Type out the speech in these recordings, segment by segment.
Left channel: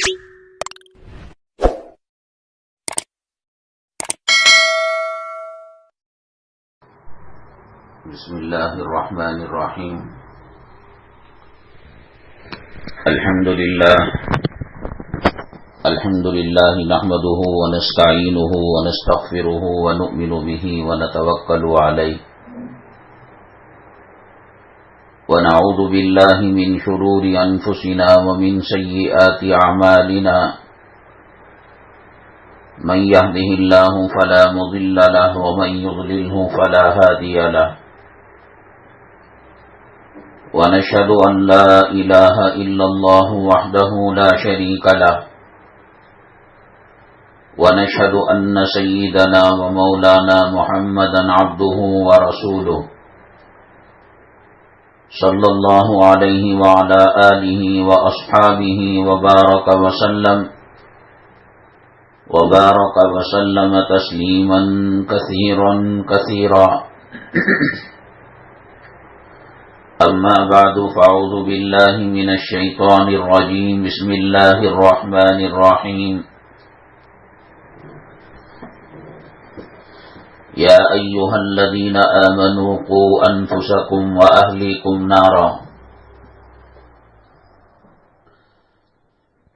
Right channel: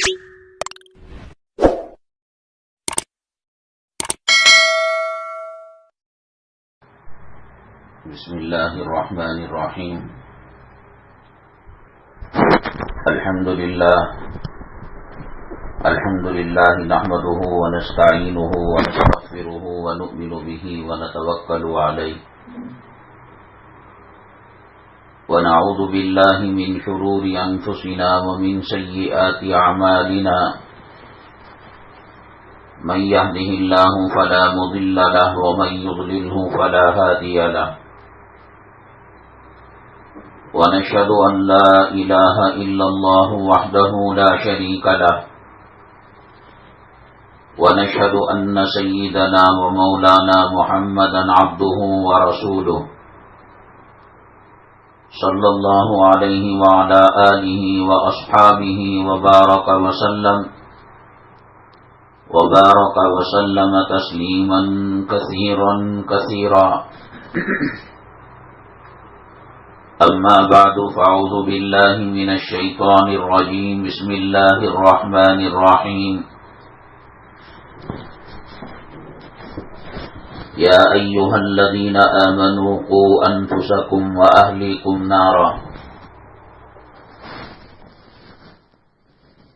بسم اللہ الرحمن الرحیم الحمد للہ نحمده ونستعینه ونستغفره ونؤمن به ونتوکل علیہ ونعوذ باللہ من شرور انفسنا ومن سیئات اعمالنا من يهده الله فلا مضل له ومن يضلله فلا هادي له ونشهد أن لا إله إلا الله وحده لا شريك له ونشهد أن سيدنا ومولانا محمدا عبده ورسوله صلى الله عليه وعلى آله وأصحابه وبارك وسلم تسليما كثيرا أما بعد فأعوذ بالله من الشيطان الرجيم بسم الله الرحمن الرحيم يا أيها الذين آمنوا قوا أنفسكم وأهليكم نارا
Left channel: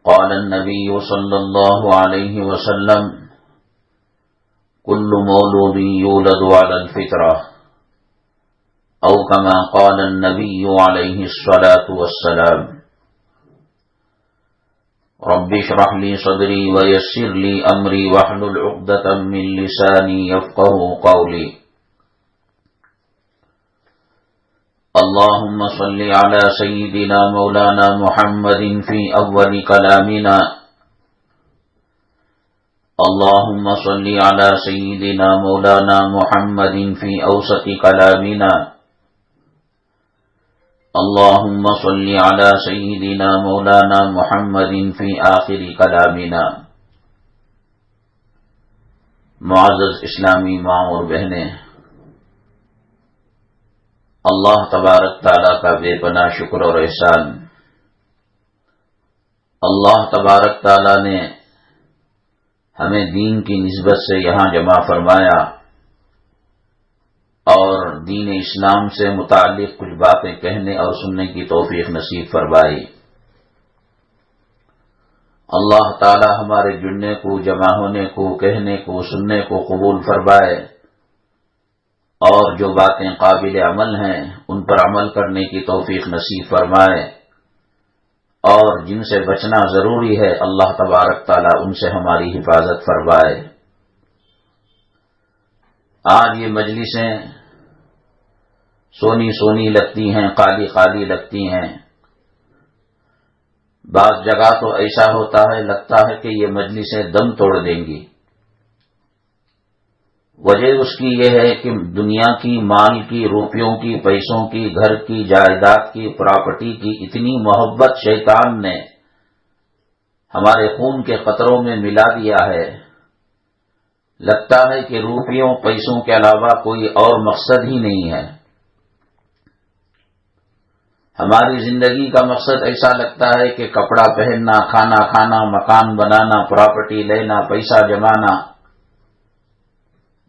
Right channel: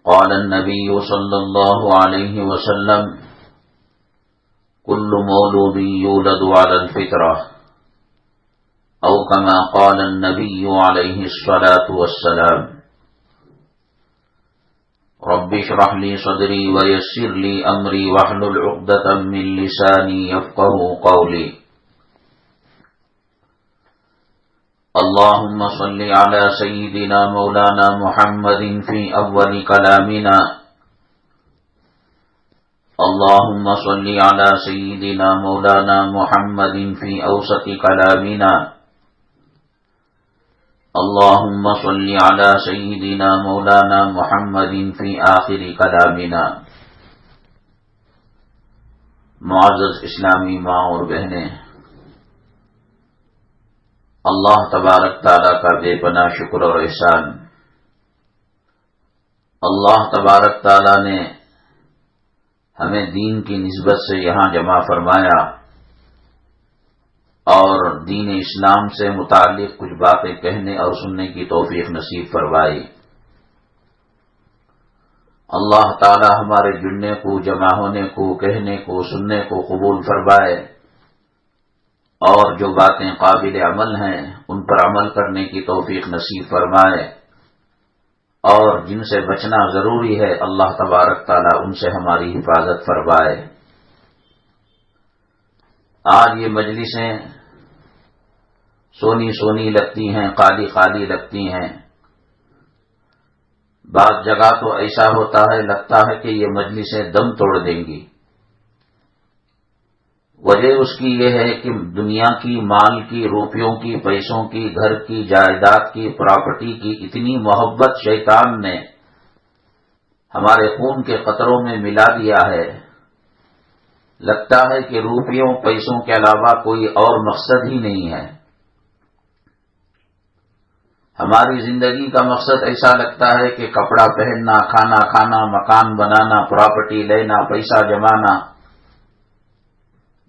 قال النبي صلى الله عليه وسلم كل مولود يولد على الفطرة أو كما قال النبي عليه الصلاة والسلام رب اشرح لي صدري ويسر لي أمري واحلل عقدة من لساني يفقهوا قولي اللهم صل على سيدنا مولانا محمد في أول كلامنا اللهم صل على سيدنا مولانا محمد في أوسط كلامنا اللهم صل على سيدنا مولانا محمد في آخر كلامنا. معزز اسلامی ماں اور بہنیں، اللہ تبارک تعالیٰ کا بے پناہ شکر اور احسان. اللہ تبارک تعالیٰ نے ہمیں دین کی نسبت سے یہاں جمع فرمایا اور دین اسلام سے متعلق کچھ باتیں کہنے اور سننے کی توفیق نصیب فرمائی. اللہ تعالی ہمارے جڑنے کو، جمع ہونے کو، کہنے کو، سننے کو قبول فرمائے اور جو باتیں قابل عمل ہیں ان پر عمل کرنے کی توفیق نصیب فرمائے اور جن سے بچنا ضروری ہے اللہ تبارک تعالی ان سے ہماری حفاظت فرمائے. آج یہ مجلسیں سونی سونی لگتی ہیں، خالی خالی لگتی ہیں. بعض جگہ تو ایسا ہوتا ہے، لگتا ہے کہ یہ مجلسیں دم توڑ دیں گی. وجہ اس کی یہ ہے کہ دنیا کی، مال کی، روپیوں کی، پیسوں کی، گھر کی، جائیداد کی، پراپرٹی کی اتنی محبت شیطان نے ہمارے خون کے قطروں میں ملا دیا ہے. لگتا ہے کہ روپیوں پیسوں کے علاوہ کوئی اور مقصد ہی نہیں ہے. ہماری زندگی کا مقصد ایسا لگتا ہے کہ کپڑا پہننا، کھانا کھانا، مکان بنانا، پراپرٹی لینا، پیسہ جمانا.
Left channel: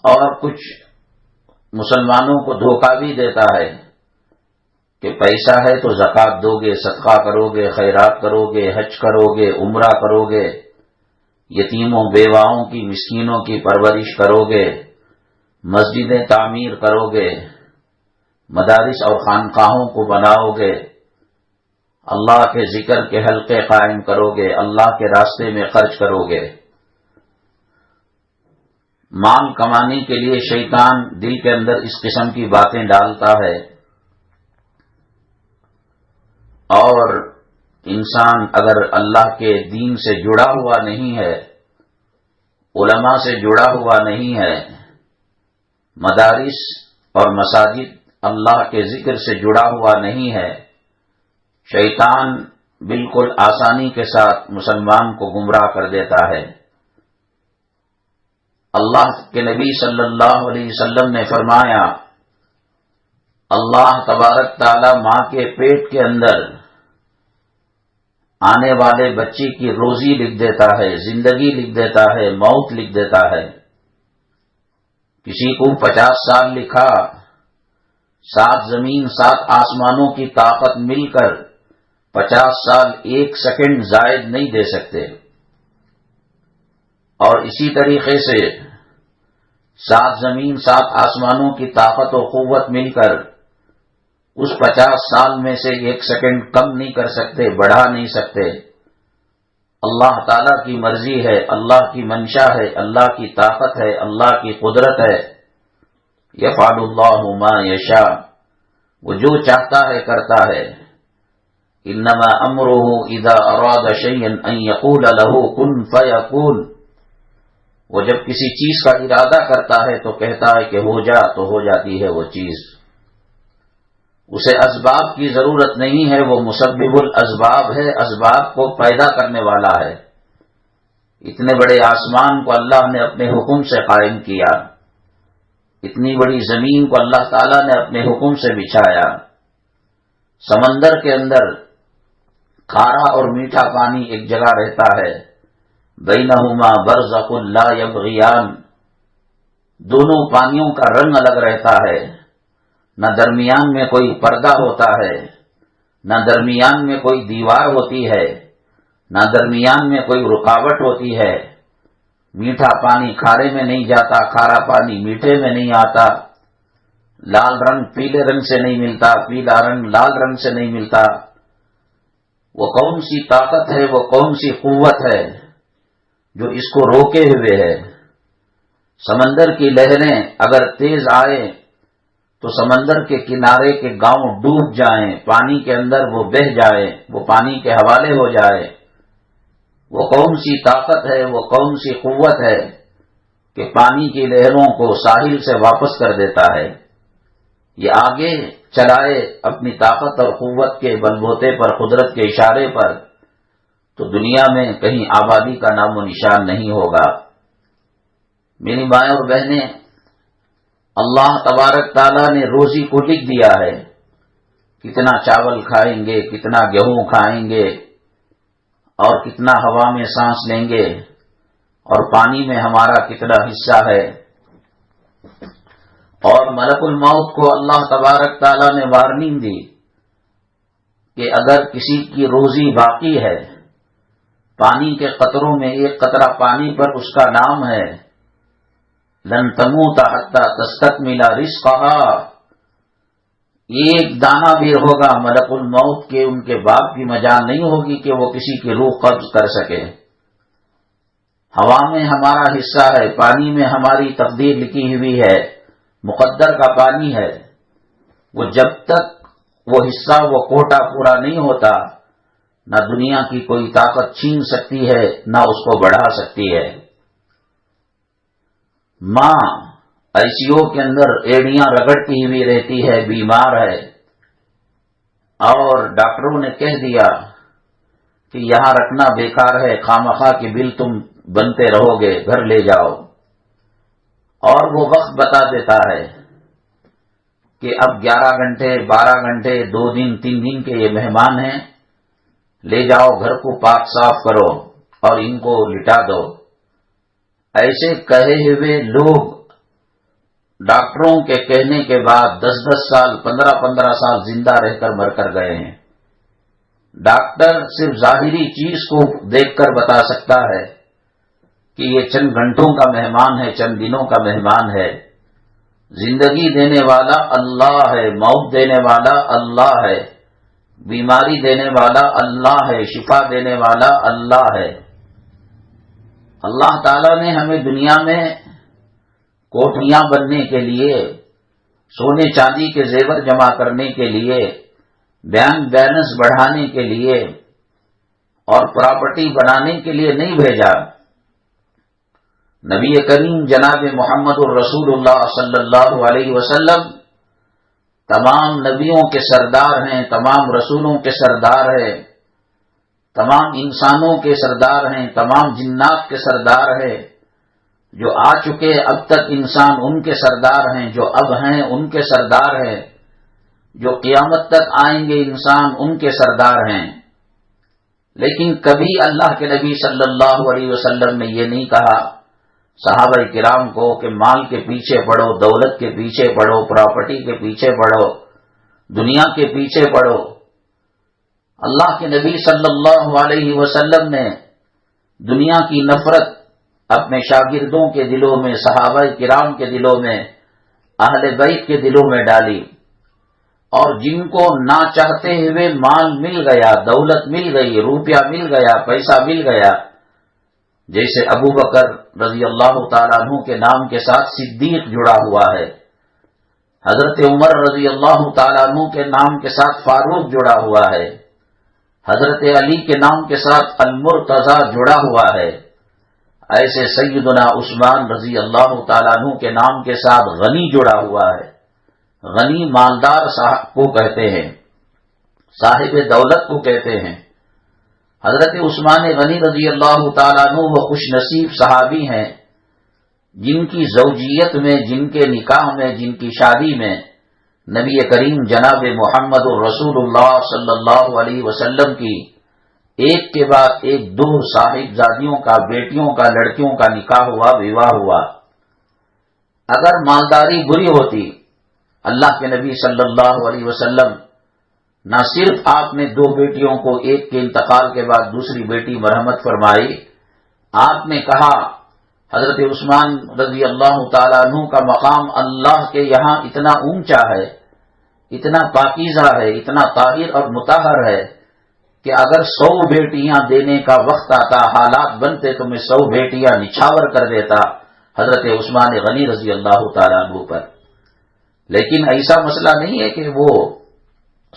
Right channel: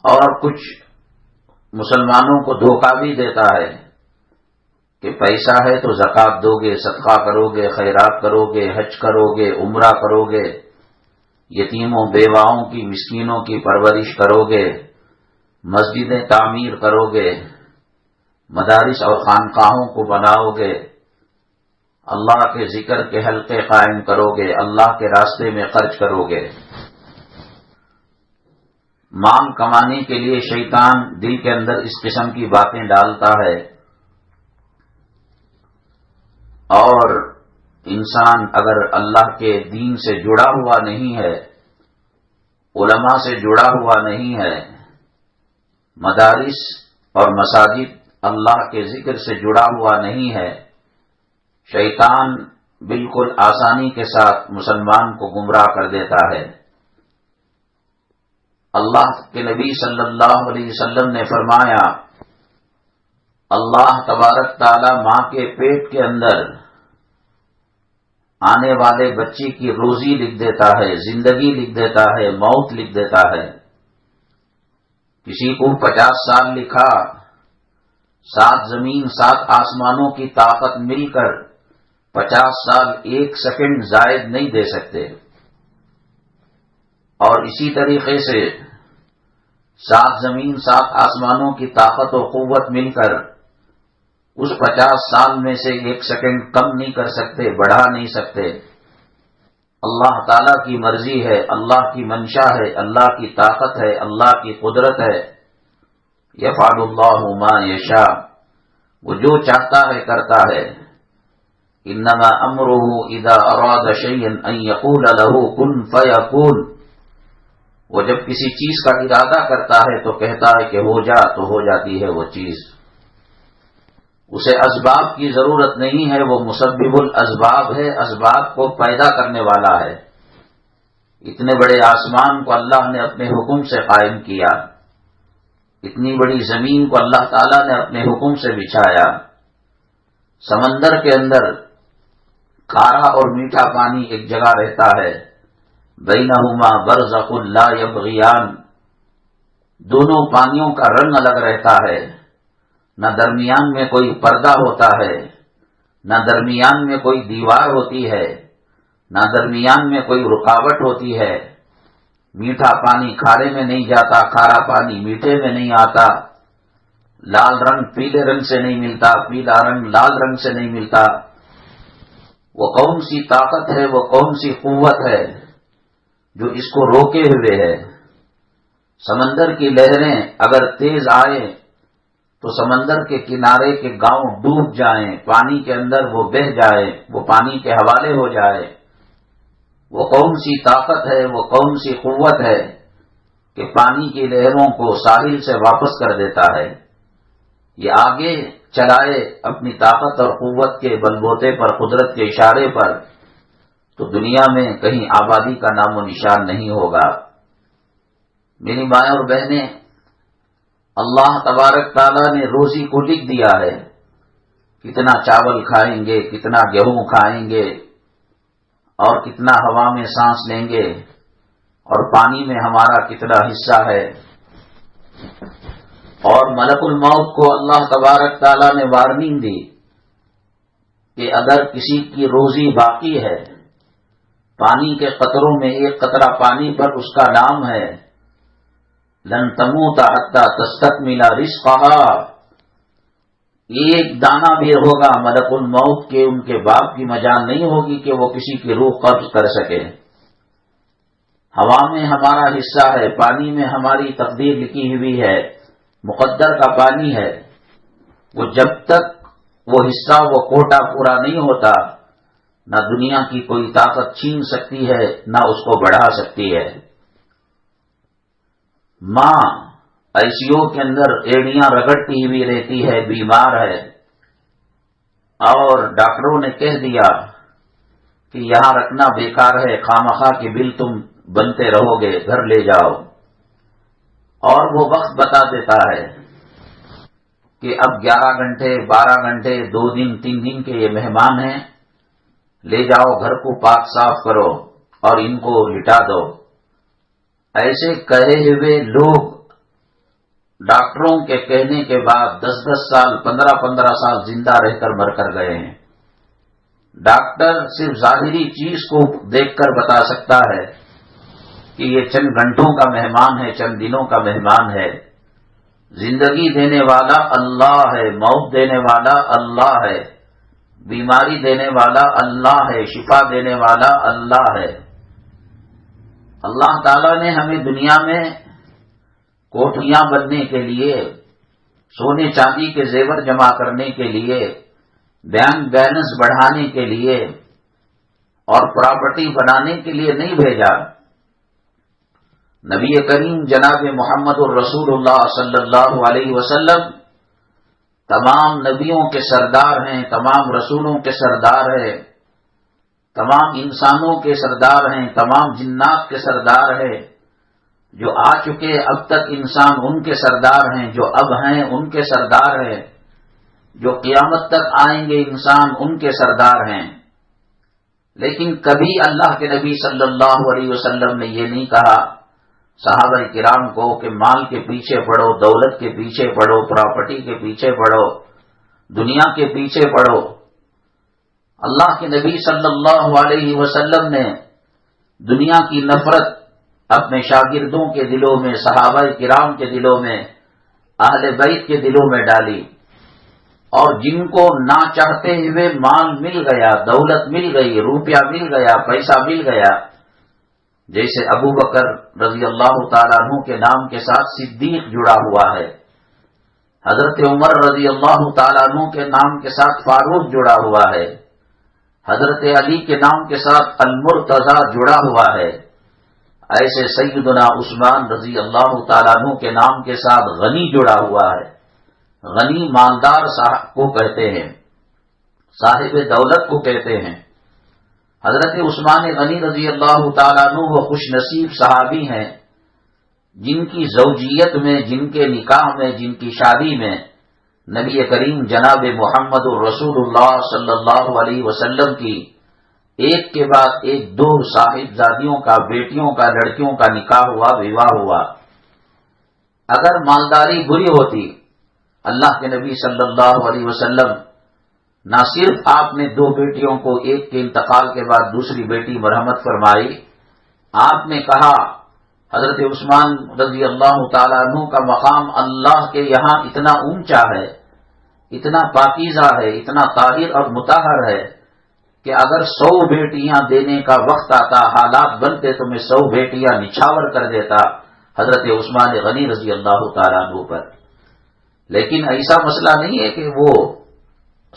اور کچھ مسلمانوں کو دھوکہ بھی دیتا ہے کہ پیسہ ہے تو زکوٰۃ دو گے، صدقہ کرو گے، خیرات کرو گے، حج کرو گے، عمرہ کرو گے، یتیموں بیواؤں کی، مسکینوں کی پرورش کرو گے، مسجدیں تعمیر کرو گے، مدارس اور خانقاہوں کو بناؤ گے، اللہ کے ذکر کے حلقے قائم کرو گے، اللہ کے راستے میں خرچ کرو گے. مال کمانے کے لیے شیطان دل کے اندر اس قسم کی باتیں ڈالتا ہے اور انسان اگر اللہ کے دین سے جڑا ہوا نہیں ہے، علماء سے جڑا ہوا نہیں ہے، مدارس اور مساجد اللہ کے ذکر سے جڑا ہوا نہیں ہے، شیطان بالکل آسانی کے ساتھ مسلمان کو گمراہ کر دیتا ہے. اللہ کے نبی صلی اللہ علیہ وسلم نے فرمایا، اللہ تبارک تعالی ماں کے پیٹ کے اندر آنے والے بچے کی روزی لکھ دیتا ہے، زندگی لکھ دیتا ہے، موت لکھ دیتا ہے۔ کسی کو 50 سال لکھا، 7 زمین 7 آسمانوں کی طاقت مل کر 50 سال 1 سیکنڈ زائد نہیں دے سکتے، اور اسی طریقے سے 7 زمین 7 آسمانوں کی طاقت و قوت مل کر اس 50 سال میں سے 1 سیکنڈ کم نہیں کر سکتے، بڑھا نہیں سکتے۔ اللہ تعالیٰ کی مرضی ہے، اللہ کی منشا ہے، اللہ کی طاقت ہے، اللہ کی قدرت ہے۔ یفعل اللہ ما یشاء، وہ جو چاہتا ہے کرتا ہے۔ انما امرہ اذا اراد شیئا ان یقول له کن فیکون، وہ جب کسی چیز کا ارادہ کرتا ہے تو کہتا ہے کہ ہو جا، تو ہو جاتی ہے وہ چیز۔ اسے اسباب کی ضرورت نہیں ہے، وہ مسبب الاسباب ہے، اسباب کو پیدا کرنے والا ہے۔ اتنے بڑے آسمان کو اللہ نے اپنے حکم سے قائم کیا، اتنی بڑی زمین کو اللہ تعالیٰ نے اپنے حکم سے بچھایا۔ سمندر کے اندر کھارا اور میٹھا پانی ایک جگہ رہتا ہے، بینہما برزخ لا یبغیان، دونوں پانیوں کا رنگ الگ رہتا ہے، نہ درمیان میں کوئی پردہ ہوتا ہے، نہ درمیان میں کوئی دیوار ہوتی ہے، نہ درمیان میں کوئی رکاوٹ ہوتی ہے۔ میٹھا پانی کھارے میں نہیں جاتا، کھارا پانی میٹھے میں نہیں آتا، لال رنگ پیلے رنگ سے نہیں ملتا، پیلا رنگ لال رنگ سے نہیں ملتا۔ وہ کون سی طاقت ہے، وہ کون سی قوت ہے جو اس کو روکے ہوئے ہے؟ سمندر کی لہریں اگر تیز آئیں تو سمندر کے کنارے کے گاؤں ڈوب جائیں، پانی کے اندر وہ بہہ جائیں، وہ پانی کے حوالے ہو جائے۔ وہ کون سی طاقت ہے، وہ کون سی قوت ہے کہ پانی کی لہروں کو ساحل سے واپس کر دیتا ہے؟ یہ آگے چلائے اپنی طاقت اور قوت کے بلبوتے پر، قدرت کے اشارے پر، تو دنیا میں کہیں آبادی کا نام و نشان نہیں ہوگا۔ میری مائیں اور بہنیں، اللہ تبارک تعالیٰ نے روزی کو لکھ دیا ہے، کتنا چاول کھائیں گے، کتنا گیہوں کھائیں گے، اور کتنا ہوا میں سانس لیں گے، اور پانی میں ہمارا کتنا حصہ ہے۔ اور ملک الموت کو اللہ تبارک تعالیٰ نے وارننگ دی کہ اگر کسی کی روزی باقی ہے، پانی کے قطروں میں ایک قطرہ پانی پر اس کا نام ہے، لن تموت حتی تستکمل رزقہا، ایک دانہ بھی ہوگا ملک الموت کے ان کے باپ کی مجال نہیں ہوگی کہ وہ کسی کی روح قبض کر سکے۔ ہوا میں ہمارا حصہ ہے، پانی میں ہماری تقدیر لکھی ہوئی ہے، مقدر کا پانی ہے۔ وہ جب تک وہ حصہ، وہ کوٹا پورا نہیں ہوتا، نہ دنیا کی کوئی طاقت چھین سکتی ہے، نہ اس کو بڑھا سکتی ہے۔ ماں آئی سی یو کے اندر ایڑیاں رگڑتی ہوئی رہتی ہے، بیمار ہے، اور ڈاکٹروں نے کہہ دیا کہ یہاں رکھنا بیکار ہے، خامخواہ کی بل تم بنتے رہو گے، گھر لے جاؤ۔ اور وہ وقت بتا دیتا ہے کہ اب 11 گھنٹے 12 گھنٹے 2 دن 3 دن کے یہ مہمان ہیں، لے جاؤ، گھر کو پاک صاف کرو اور ان کو لٹا دو۔ ایسے کہے ہوئے لوگ ڈاکٹروں کے کہنے کے بعد 10-10 سال 15-15 سال زندہ رہ کر مر کر گئے ہیں۔ ڈاکٹر صرف ظاہری چیز کو دیکھ کر بتا سکتا ہے کہ یہ چند گھنٹوں کا مہمان ہے، چند دنوں کا مہمان ہے۔ زندگی دینے والا اللہ ہے، موت دینے والا اللہ ہے، بیماری دینے والا اللہ ہے، شفا دینے والا اللہ ہے۔ اللہ تعالیٰ نے ہمیں دنیا میں کوٹھیاں بننے کے لیے، سونے چاندی کے زیور جمع کرنے کے لیے، بینک بیلنس بڑھانے کے لیے اور پراپرٹی بنانے کے لیے نہیں بھیجا۔ نبی کریم جناب محمد الرسول اللہ صلی اللہ علیہ وسلم تمام نبیوں کے سردار ہیں، تمام رسولوں کے سردار ہیں، تمام انسانوں کے سردار ہیں، تمام جنات کے سردار ہیں۔ جو آ چکے اب تک انسان ان کے سردار ہیں، جو اب ہیں ان کے سردار ہیں، جو قیامت تک آئیں گے انسان ان کے سردار ہیں۔ لیکن کبھی اللہ کے نبی صلی اللہ علیہ وسلم نے یہ نہیں کہا صحابہ کرام کو کہ مال کے پیچھے پڑو، دولت کے پیچھے پڑو، پراپرٹی کے پیچھے پڑو، دنیا کے پیچھے پڑو۔ اللہ کے نبی صلی اللہ علیہ وسلم نے دنیا کی نفرت اپنے شاگردوں کے دلوں میں، صحابہ کرام کے دلوں میں، اہل بیت کے دلوں میں ڈالی، اور جن کو نہ چاہتے ہوئے مال مل گیا، دولت مل گئی، روپیہ مل گیا، پیسہ مل گیا، جیسے ابو بکر رضی اللہ تعالیٰ عنہ کے نام کے ساتھ صدیق جڑا ہوا ہے، حضرت عمر رضی اللہ تعالیٰ عنہ کے نام کے ساتھ فاروق جڑا ہوا ہے، حضرت علی کے نام کے ساتھ المرتضی جڑا ہوا ہے، ایسے سیدنا عثمان رضی اللہ تعالیٰ عنہ کے نام کے ساتھ غنی جڑا ہوا ہے۔ غنی مالدار صاحب کو کہتے ہیں، صاحب دولت کو کہتے ہیں۔ حضرت عثمان غنی رضی اللہ تعالیٰ عنہ وہ خوش نصیب صحابی ہیں جن کی زوجیت میں، جن کے نکاح میں، جن کی شادی میں نبی کریم جناب محمد الرسول اللہ صلی اللہ علیہ وسلم کی ایک کے بعد ایک دو صاحبزادیوں کا، بیٹیوں کا، لڑکیوں کا نکاح ہوا، وواہ ہوا۔ اگر مالداری بری ہوتی، اللہ کے نبی صلی اللہ علیہ وسلم نہ صرف آپ نے دو بیٹیوں کو ایک کے انتقال کے بعد دوسری بیٹی مرحمت فرمائی، آپ نے کہا حضرت عثمان رضی اللہ تعالیٰ عنہ کا مقام اللہ کے یہاں اتنا اونچا ہے، اتنا پاکیزہ ہے، اتنا طاہر اور مطہر ہے کہ اگر 100 بیٹیاں دینے کا وقت آتا، حالات بنتے تو میں 100 بیٹیاں نچھاور کر دیتا حضرت عثمان غنی رضی اللہ تعالیٰ عنہ پر۔ لیکن ایسا مسئلہ نہیں ہے کہ وہ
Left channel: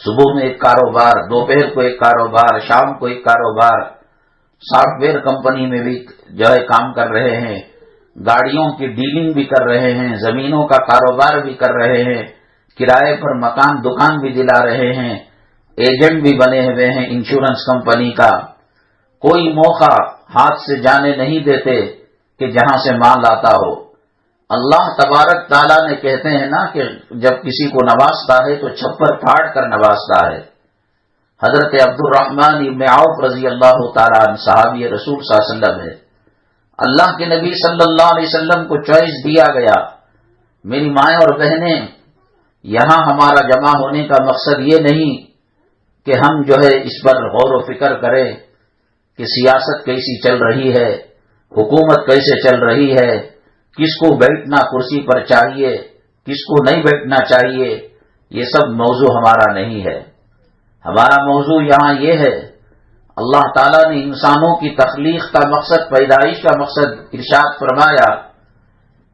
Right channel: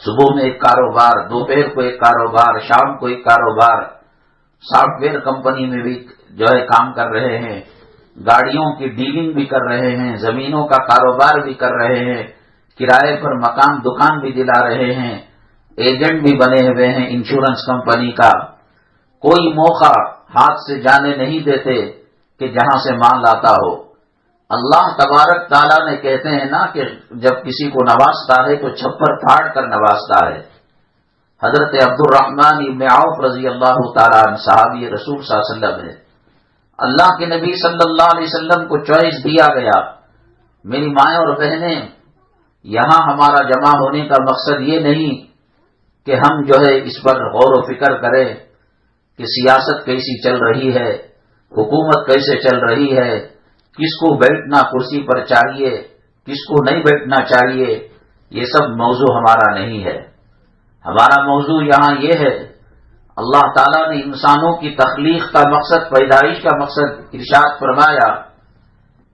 صبح میں ایک کاروبار، دوپہر کو ایک کاروبار، شام کو ایک کاروبار، سافٹ ویئر کمپنی میں بھی جو ہے کام کر رہے ہیں، گاڑیوں کی ڈیلنگ بھی کر رہے ہیں، زمینوں کا کاروبار بھی کر رہے ہیں، کرائے پر مکان دکان بھی دلا رہے ہیں، ایجنٹ بھی بنے ہوئے ہیں انشورنس کمپنی کا۔ کوئی موقع ہاتھ سے جانے نہیں دیتے کہ جہاں سے مال آتا ہو۔ اللہ تبارک تعالیٰ نے کہتے ہیں نا کہ جب کسی کو نوازتا ہے تو چھپر پھاڑ کر نوازتا ہے۔ حضرت عبد الرحمن ابن عوف رضی اللہ تعالیٰ عنہ صحابی رسول صلی اللہ علیہ وسلم ہے۔ اللہ کے نبی صلی اللہ علیہ وسلم کو چوائس دیا گیا، میری مائیں اور بہنیں، یہاں ہمارا جمع ہونے کا مقصد یہ نہیں کہ ہم جو ہے اس پر غور و فکر کریں کہ سیاست کیسی چل رہی ہے، حکومت کیسے چل رہی ہے، کس کو بیٹھنا کرسی پر چاہیے، کس کو نہیں بیٹھنا چاہیے، یہ سب موضوع ہمارا نہیں ہے۔ ہمارا موضوع یہاں یہ ہے، اللہ تعالیٰ نے انسانوں کی تخلیق کا مقصد، پیدائش کا مقصد ارشاد فرمایا،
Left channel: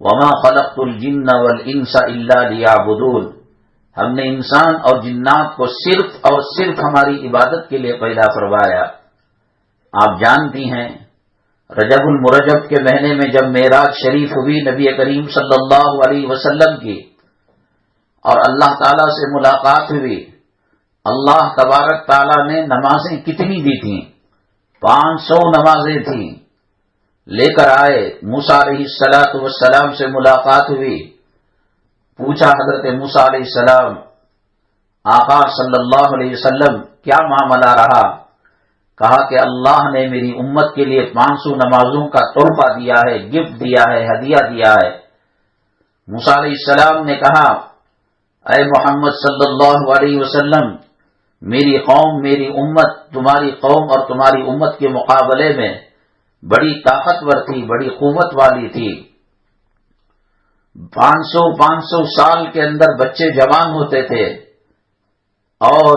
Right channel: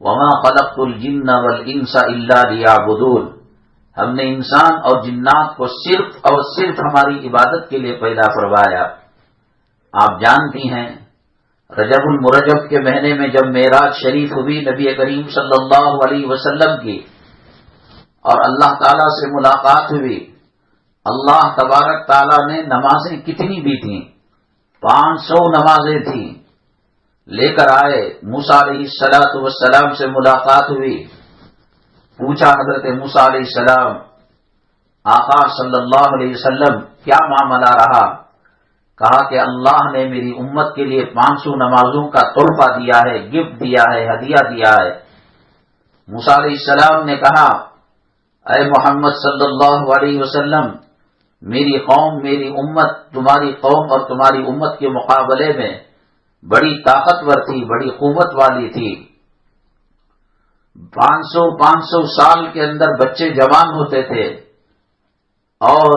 وَمَا خَلَقْتُ الْجِنَّ وَالْإِنسَ إِلَّا لِيَعْبُدُونَ، ہم نے انسان اور جنات کو صرف اور صرف ہماری عبادت کے لیے پیدا فرمایا۔ آپ جانتی ہیں رجب المرجب کے مہینے میں جب معراج شریف ہوئی نبی کریم صلی اللہ علیہ وسلم کی اور اللہ تعالیٰ سے ملاقات ہوئی، اللہ تبارک تعالیٰ نے نمازیں کتنی دی تھیں؟ 500 نمازیں تھیں، لے کر آئے۔ موسیٰ علیہ السلام سے ملاقات ہوئی، پوچھا حضرت موسیٰ علیہ السلام، آقا صلی اللہ علیہ وسلم کیا معاملہ رہا؟ کہا کہ اللہ نے میری امت کے لیے 500 نمازوں کا تحفہ دیا ہے، گفٹ دیا ہے، ہدیہ دیا ہے۔ موسیٰ علیہ السلام نے کہا، اے محمد صلی اللہ علیہ وسلم، میری قوم، میری امت تمہاری قوم اور تمہاری امت کے مقابلے میں بڑی طاقتور تھی، بڑی قوت والی تھی۔ 500 سال کے اندر بچے جوان ہوتے تھے، اور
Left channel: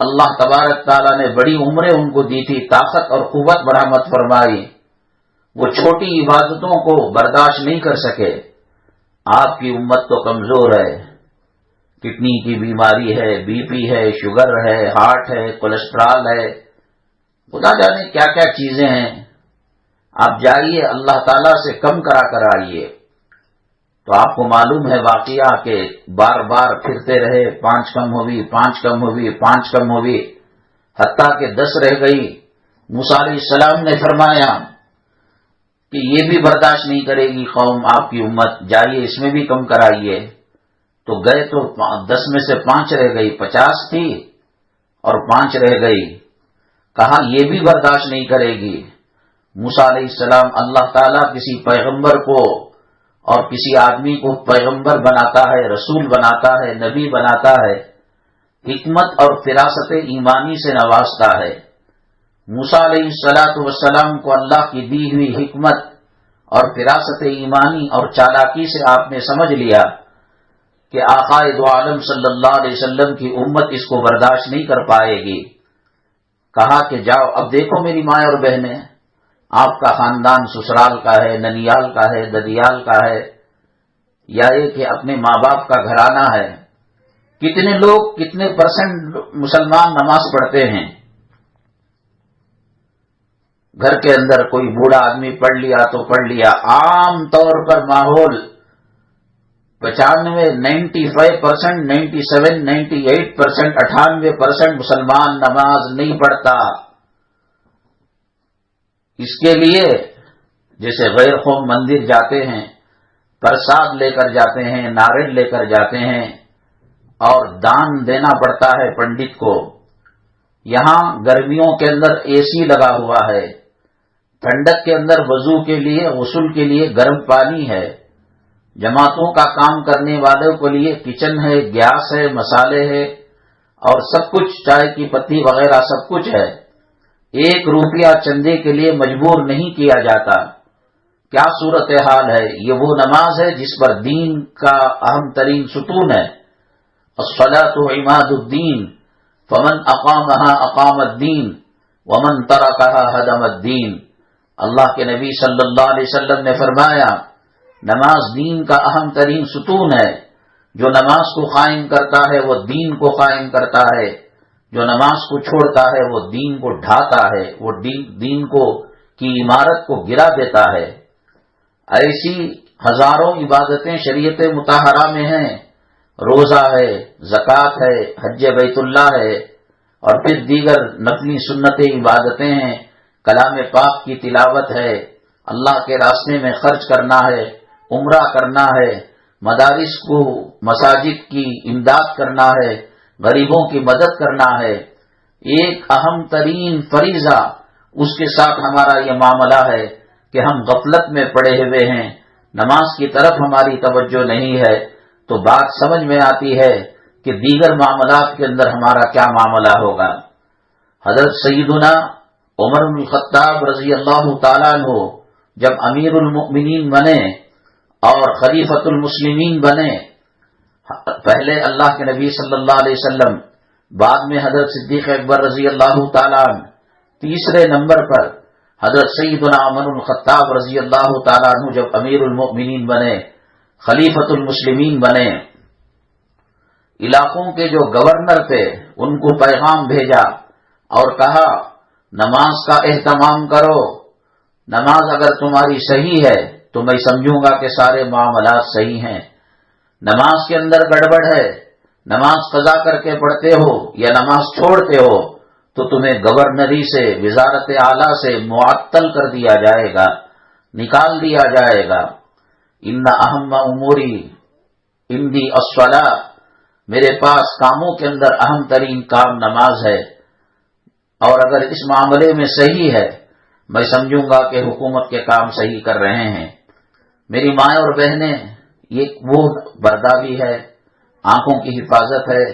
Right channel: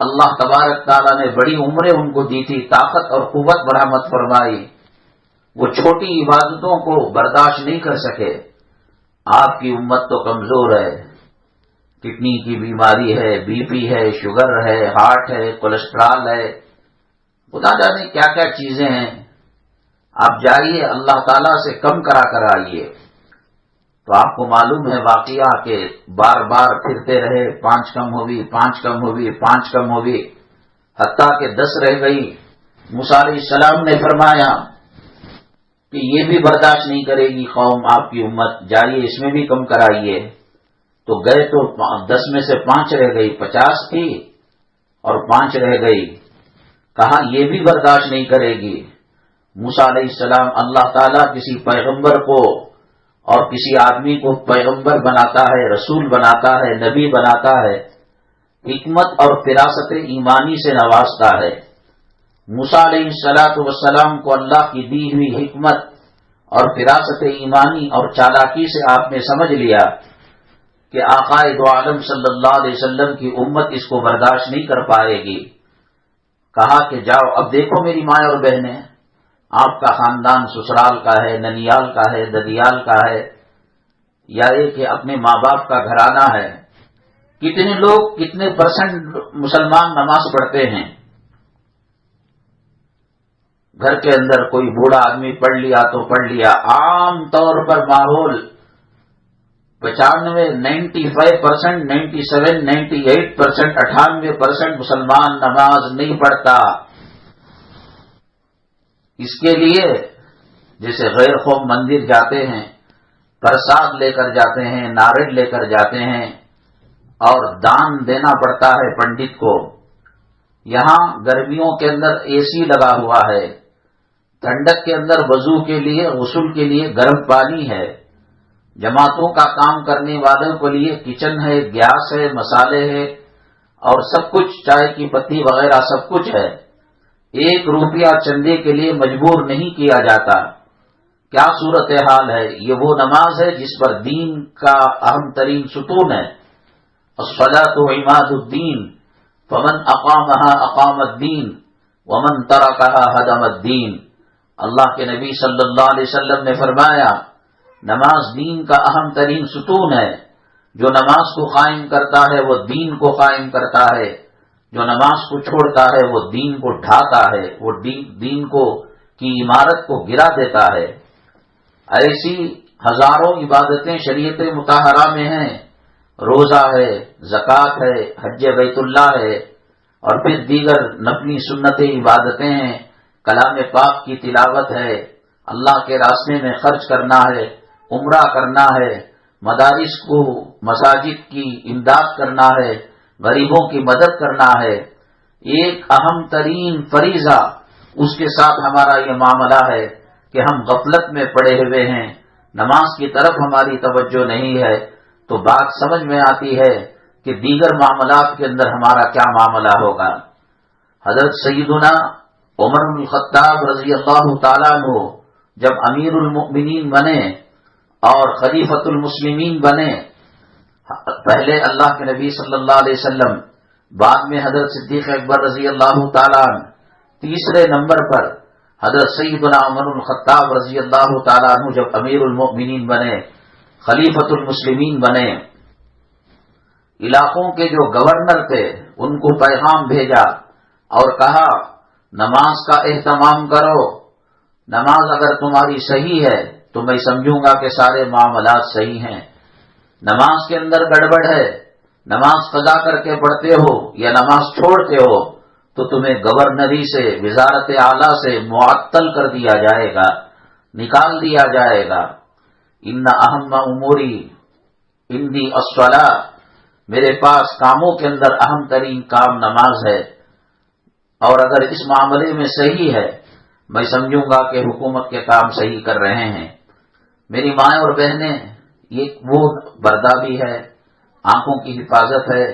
اللہ تبارک تعالیٰ نے بڑی عمریں ان کو دی تھی، طاقت اور قوت مرحمت فرمائی۔ وہ چھوٹی عبادتوں کو برداشت نہیں کر سکے۔ آپ کی امت تو کمزور ہے، کڈنی کی بیماری ہے، بی پی ہے، شوگر ہے، ہارٹ ہے، کولیسٹرول ہے، خدا جانے کیا کیا چیزیں ہیں۔ آپ جائیے اللہ تعالیٰ سے کم کرا کر آئیے۔ تو آپ کو معلوم ہے واقعہ کہ بار بار پھرتے رہے، 5 کم ہوگی، 5 کم ہوگی، 5 کم ہوگی، حتیٰ کہ 10 رہ گئی۔ موسیٰ علیہ السلام نے فرمایا کہ یہ بھی برداشت نہیں کرے گی قوم، آپ کی امت، جائیے اس میں بھی کم کرائیے۔ تو گئے تو 10 میں سے 5 رہ گئی، 50 تھی اور 5 رہ گئی۔ کہا یہ بھی برداشت نہیں کرے گی۔ موسیٰ علیہ السلام، اللہ تعالیٰ کسی پیغمبر کو اور کسی آدمی کو پیغمبر بناتا ہے، رسول بناتا ہے، نبی بناتا ہے، حکمت اور فراست ایمانی سے نوازتا ہے۔ موسیٰ علیہ السلام کو اللہ کی دی ہوئی حکمت اور فراست ایمانی اور چالاکی سے آپ نے سمجھ لیا کہ آقا دو عالم صلی اللہ علیہ وسلم کی امت اس کو برداشت نہیں کر پائے گی۔ کہا کہ جاؤ، اب دیکھو میری ماں اور بہنیں، آپ کا خاندان سسرال کا ہے، ننیال کا ہے، ددیال کا ہے، یا یہ کہ اپنے ماں باپ کا گھرانہ ہے، کتنے لوگ، کتنے پرسنٹ مسلمان نماز پڑھتے ہیں؟ گھر کے اندر کوئی بوڑھا آدمی پڑھ لیا تو پڑھ لیا۔ عام طور پر ماحول 95، 95%، 97، 98%، 98% مسلمان نماز نہیں پڑھتا۔ اس کے لیے جیسے غیر قوم مندر جاتے ہیں، پرساد لے کر جاتے ہیں، ناریل لے کر جاتے ہیں اور دان دینا پڑتا ہے پنڈت کو۔ یہاں گرمیوں کے اندر اے سی لگا ہوا ہے، ٹھنڈک کے اندر وضو کے لیے، غسل کے لیے گرم پانی ہے، جماعتوں کا کام کرنے والوں کے لیے کچن ہے، گیس ہے، مسالے ہے اور سب کچھ، چائے کی پتی وغیرہ سب کچھ ہے۔ 1 روپیہ چندے کے لیے مجبور نہیں کیا جاتا۔ کیا صورتحال ہے؟ یہ وہ نماز ہے جس پر دین کا اہم ترین ستون ہے۔ الصلاۃ عماد الدین، فمن اقامها اقام الدین ومن ترکها ہدم الدین۔ اللہ کے نبی صلی اللہ علیہ وسلم نے فرمایا، نماز دین کا اہم ترین ستون ہے۔ جو نماز کو قائم کرتا ہے وہ دین کو قائم کرتا ہے، جو نماز کو چھوڑتا ہے وہ دین کو ڈھاتا ہے، وہ دین کو کی عمارت کو گرا دیتا ہے۔ ایسی ہزاروں عبادتیں شریعت مطہرہ میں ہیں، روزہ ہے، زکوٰۃ ہے، حج بیت اللہ ہے، اور پھر دیگر نفلی سنت عبادتیں ہیں، کلام پاک کی تلاوت ہے، اللہ کے راستے میں خرچ کرنا ہے، عمرہ کرنا ہے، مدارس کو، مساجد کی امداد کرنا ہے، غریبوں کی مدد کرنا ہے۔ ایک اہم ترین فریضہ، اس کے ساتھ ہمارا یہ معاملہ ہے کہ ہم غفلت میں پڑے ہوئے ہیں، نماز کی طرف ہماری توجہ نہیں ہے، تو بات سمجھ میں آتی ہے کہ دیگر معاملات کے اندر ہمارا کیا معاملہ ہوگا۔ حضرت سیدنا عمر بن الخطاب رضی اللہ تعالیٰ عنہ جب امیر المؤمنین بنے اور خلیفۃ المسلمین بنے، پہلے اللہ کے نبی صلی اللہ علیہ وسلم، بعد میں حضرت صدیق اکبر رضی اللہ تعالیٰ عنہ، تیسرے نمبر پر حضرت سیدنا عمر بن الخطاب رضی اللہ تعالیٰ عنہ جب امیر المؤمنین بنے، خلیفۃ المسلمین بنے، علاقوں کے جو گورنر تھے ان کو پیغام بھیجا اور کہا نماز کا اہتمام کرو، نماز اگر تمہاری صحیح ہے تو میں سمجھوں گا کہ سارے معاملات صحیح ہیں، نماز کے اندر گڑبڑ ہے، نماز قضا کر کے پڑھتے ہو یا نماز چھوڑتے ہو تو تمہیں گورنری سے، وزارت اعلیٰ سے معطل کر دیا جائے گا، نکال دیا جائے گا۔ ان اہم اموری عندی الصلاۃ، میرے پاس کاموں کے اندر اہم ترین کام نماز ہے، اور اگر اس معاملے میں صحیح ہے میں سمجھوں گا کہ حکومت کے کام صحیح کر رہے ہیں۔ میری ماں اور بہنیں، یہ وہ بردابی ہے، آنکھوں کی حفاظت ہے،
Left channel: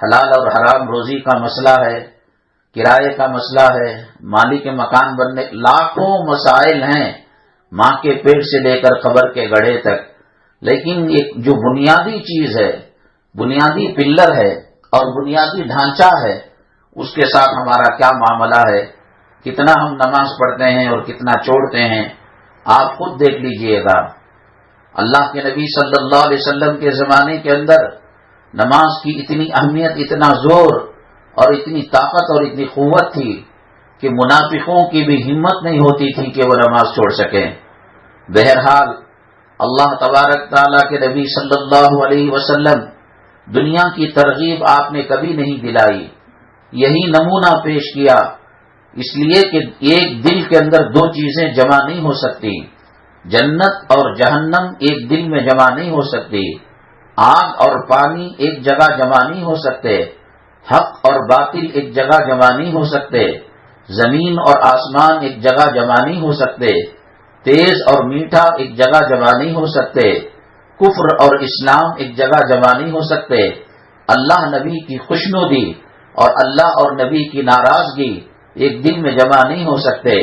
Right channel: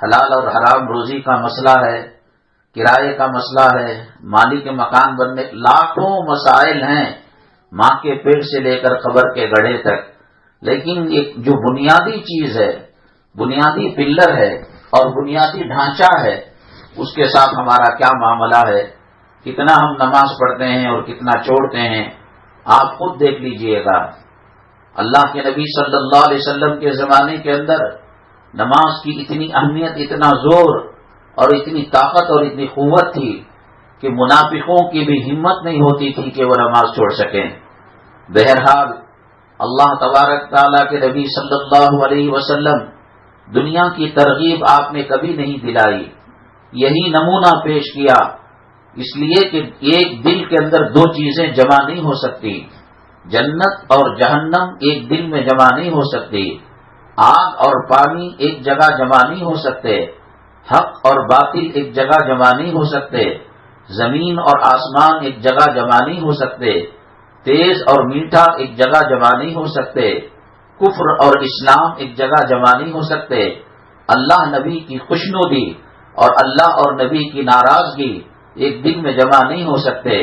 حلال اور حرام روزی کا مسئلہ ہے، کرائے کا مسئلہ ہے، مالی کے مکان بننے، لاکھوں مسائل ہیں ماں کے پیٹ سے لے کر قبر کے گڑھے تک، لیکن ایک جو بنیادی چیز ہے، بنیادی پلر ہے اور بنیادی ڈھانچہ ہے، اس کے ساتھ ہمارا کیا معاملہ ہے، کتنا ہم نماز پڑھتے ہیں اور کتنا چھوڑتے ہیں، آپ خود دیکھ لیجئے گا۔ اللہ کے نبی صلی اللہ علیہ وسلم کے زمانے کے اندر نماز کی اتنی اہمیت، اتنا زور اور اتنی طاقت اور اتنی قوت تھی کہ منافقوں کی بھی ہمت نہیں ہوتی تھی کہ وہ نماز چھوڑ سکیں۔ بہرحال اللہ تبارک تعالیٰ کے نبی صلی اللہ علیہ وسلم دنیا کی ترغیب آپ نے کبھی نہیں دلائی، یہی نمونہ پیش کیا، اس لیے کہ ایک دل کے اندر دو چیزیں جمع نہیں ہو سکتی، جنت اور جہنم ایک دل میں جمع نہیں ہو سکتی، آگ اور پانی ایک جگہ جمع نہیں ہو سکتے، حق اور باطل ایک جگہ جمع نہیں ہو سکتے، زمین اور آسمان ایک جگہ جمع نہیں ہو سکتے، تیز اور میٹھا ایک جگہ جمع نہیں ہو سکتے، کفر اور اسلام ایک جگہ جمع نہیں ہو سکتے، اللہ نبی کی خوشنودی اور اللہ اور نبی کی ناراضگی ایک دن میں جمع نہیں ہو سکتے،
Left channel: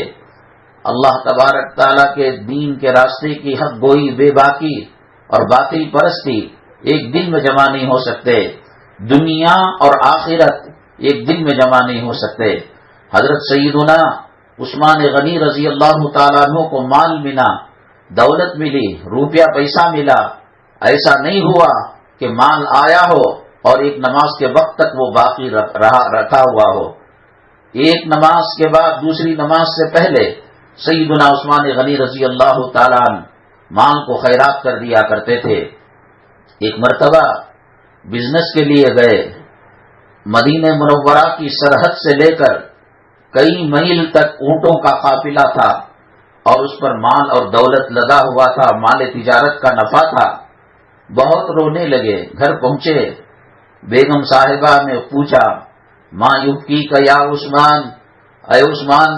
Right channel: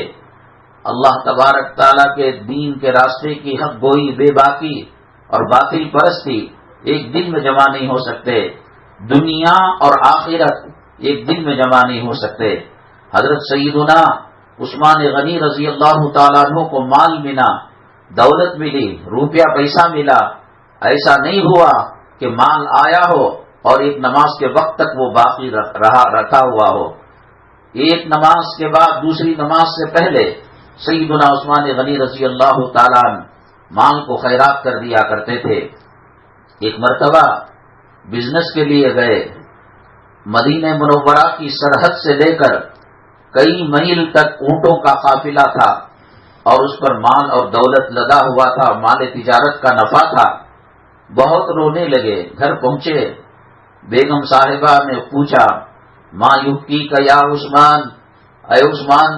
اللہ تبارک تعالیٰ کے دین کے راستے کی حق گوئی بے باکی اور باطل پرستی ایک دن میں جمع نہیں ہو سکتے، دنیا اور آخرت ایک دن میں جمع نہیں ہو سکتے۔ حضرت سیدنا عثمان غنی رضی اللہ تعالیٰ عنہ کو مال ملا، دولت ملی، روپیہ پیسہ ملا، ایسا نہیں ہوا کہ مال آیا ہو اور ایک نماز کے وقت تک وہ باقی رکھا ہوا ہو، ایک نماز کے بعد دوسری نماز سے پہلے سیدنا عثمان غنی رضی اللہ تعالیٰ عنہ مال کو خیرات کر دیا کرتے تھے۔ ایک مرتبہ بزنس کے لیے گئے، مدینہ منورہ کی سرحد سے لے کر کئی میل تک اونٹوں کا قافلہ تھا اور اس پر مال اور دولت لگا ہوا تھا، مال تجارت کا نفع تھا۔ بہت رونے لگے، گھر پہنچے، بیگم صاحبہ نے پوچھا، ماں یبکی کا یا عثمان، اے عثمان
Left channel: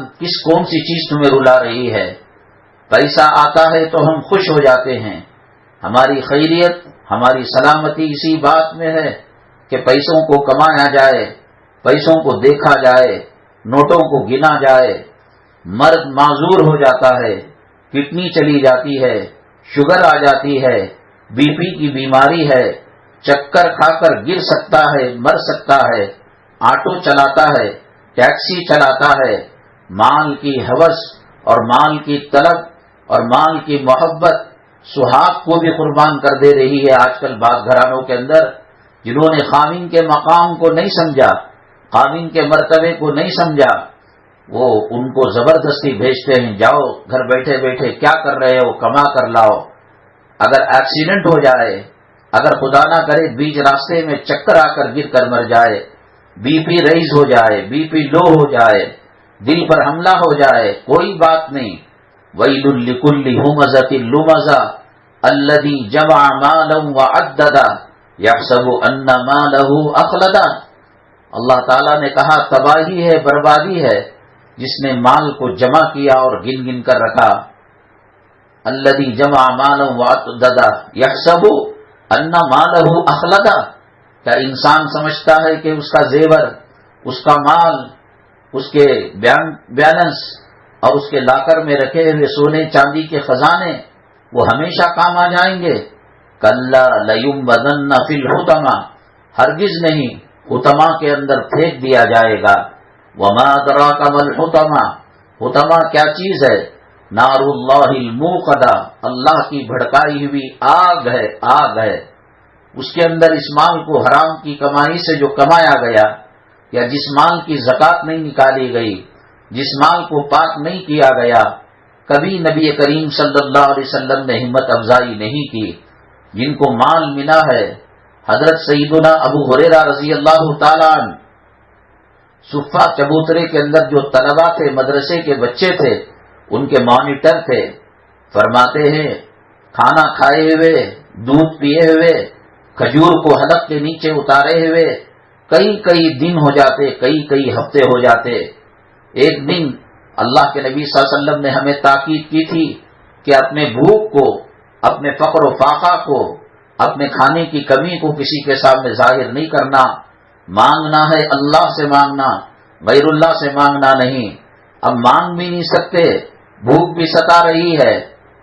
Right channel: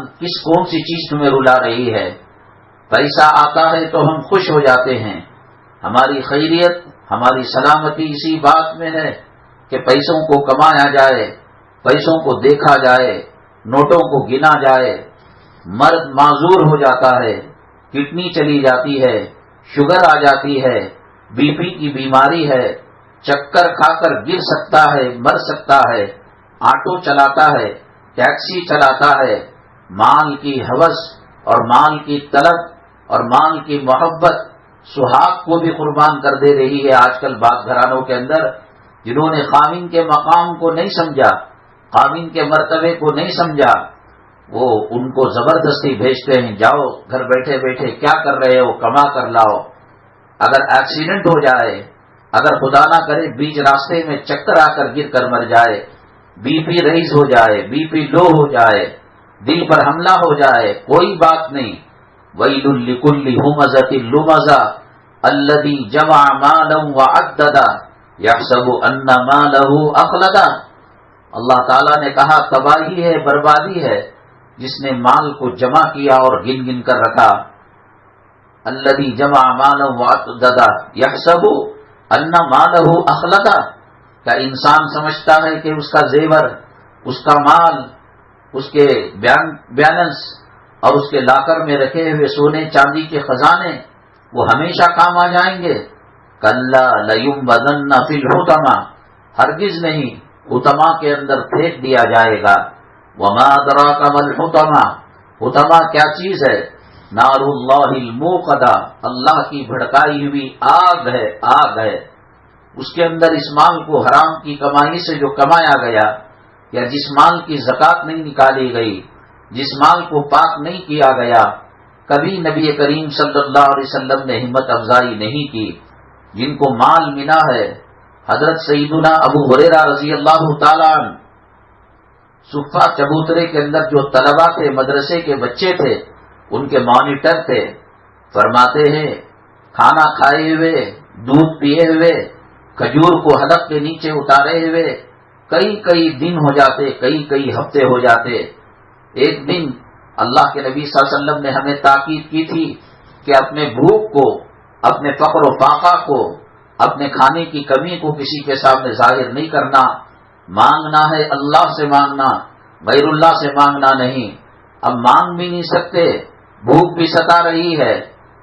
کون سی چیز تمہیں رلا رہی ہے؟ پیسہ آتا ہے تو ہم خوش ہو جاتے ہیں، ہماری خیریت ہماری سلامتی اسی بات میں ہے کہ پیسوں کو کمایا جائے، پیسوں کو دیکھا جائے، نوٹوں کو گنا جائے۔ مرد معذور ہو جاتا ہے، کڈنی چلی جاتی ہے، شوگر آ جاتی ہے، بی پی کی بیماری ہے، چکر کھا کر گر سکتا ہے، مر سکتا ہے، آٹو چلاتا ہے، ٹیکسی چلاتا ہے، مال کی ہوس اور مال کی طلب اور مال کی محبت سہاگ کو بھی قربان کر دے رہی ہے آج کل بعض گھرانوں کے اندر، جنہوں نے خاوند کے مقام کو نہیں سمجھا، خاوند کے مرتبے کو نہیں سمجھا، وہ ان کو زبردستی بھیجتے ہیں، جاؤ گھر بیٹھے بیٹھے کیا کر رہے ہو، کما کر لاؤ۔ اگر ایکسیڈنٹ ہو جائے، اگر خدا نہ کرے بیچ راستے میں چکر آ کر گر کر مر جائے، بی پی ریز ہو جائے، بی پی لو ہو جائے، دل پر حملہ ہو جائے، کوئی بات نہیں۔ وَيْلٌ لِكُلِّ هُمَزَةٍ لُمَزَةٍ الَّذِي جَمَعَ مَالًا وَعَدَّدَهُ يَحْسَبُ أَنَّ مَالَهُ أَخْلَدَهُ۔ اللہ تعالیٰ نے کہا تباہی ہے، بربادی ہے جس نے مال کو جمع کیا اور گن گن کر رکھا۔ الَّذِي جَمَعَ مَالًا وَعَدَّدَهُ يَحْسَبُ أَنَّ مَالَهُ أَخْلَدَهُ۔ کیا انسان سمجھتا ہے کہ اس کا زیور، اس کا مال، اس کے بیلنس اور اس کے لاکر میں رکھے ہوئے سونے چاندی کے خزانے وہ ہمیشہ کام آ جائیں گے؟ کَلَّا لَيُنبَذَنَّ فِي الْحُطَمَةِ، ہرگز نہیں، حطمہ کے اندر پھینک دیا جائے گا۔ وَمَا أَدْرَاكَ مَا الْحُطَمَةُ، حطمہ کیا چیز ہے؟ نار اللہ الموقدہ، اللہ کی بھڑکائی ہوئی آگ ہے، آگ ہے۔ اس کے اندر اس مال کو حرام کی کمائی سے جو کمایا گیا، یا جس مال کی زکوٰۃ نہیں نکالی گئی، جس مال کو پاک نہیں کیا گیا، کبھی نبی کریم صلی اللہ علیہ وسلم نے ہمت افزائی نہیں کی۔ جن کو مال ملا ہے، حضرت سیدنا ابو ہریرہ رضی اللہ تعالیٰ عنہ صفہ چبوترے کے اندر جو طلبہ تھے، مدرسے کے بچے تھے، ان کے مانیٹر تھے، فرماتے ہیں کھانا کھائے ہوئے، دودھ پیے ہوئے، کھجور کو حلق کے نیچے اتارے ہوئے کئی دن ہو جاتے، کئی ہفتے ہو جاتے۔ ایک دن اللہ کے نبی صلی اللہ علیہ وسلم نے ہمیں تاکید کی تھی کہ اپنے بھوک کو، اپنے فقر و فاقہ کو، اپنے کھانے کی کمی کو کسی کے سامنے ظاہر نہیں کرنا، مانگنا ہے اللہ سے مانگنا، غیر اللہ سے مانگنا نہیں۔ اب مانگ بھی نہیں سکتے، بھوک بھی ستا رہی ہے۔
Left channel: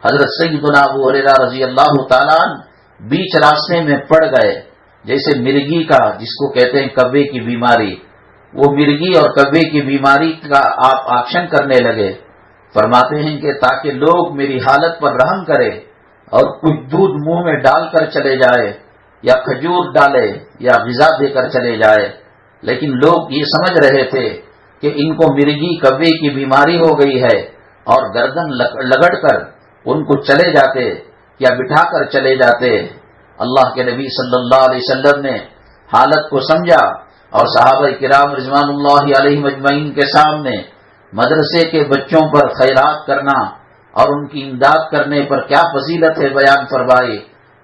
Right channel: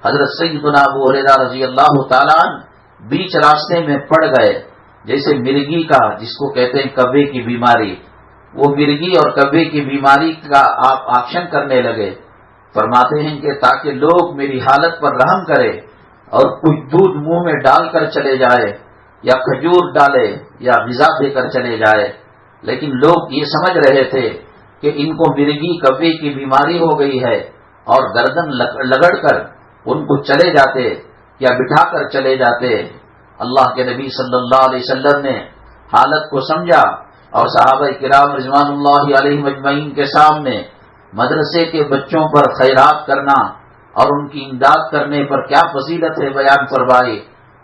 حضرت سیدنا ابو ہریرہ رضی اللہ تعالیٰ عنہ بیچ راستے میں پڑ گئے، جیسے مرگی کا، جس کو کہتے ہیں کبے کی بیماری، وہ مرگی اور کبے کی بیماری کا آپ ایکشن کرنے لگے۔ فرماتے ہیں کہ تاکہ لوگ میری حالت پر رحم کرے اور کچھ دودھ منہ میں ڈال کر چلے جائے، یا کھجور ڈالے، یا غذا دے کر چلے جائے، لیکن لوگ یہ سمجھ رہے تھے کہ ان کو مرگی کبے کی بیماری ہو گئی ہے، اور گردن لگڑ کر ان کو چلے جاتے یا بٹھا کر چلے جاتے۔ اللہ کے نبی صلی اللہ علیہ وسلم نے حالت کو سمجھا اور صحابہ کرام رضوان اللہ علیہم اجمعین کے سامنے مدرسے کے بچوں پر خیرات کرنا اور ان کی امداد کرنے پر کیا فضیلت ہے بیان فرمائی۔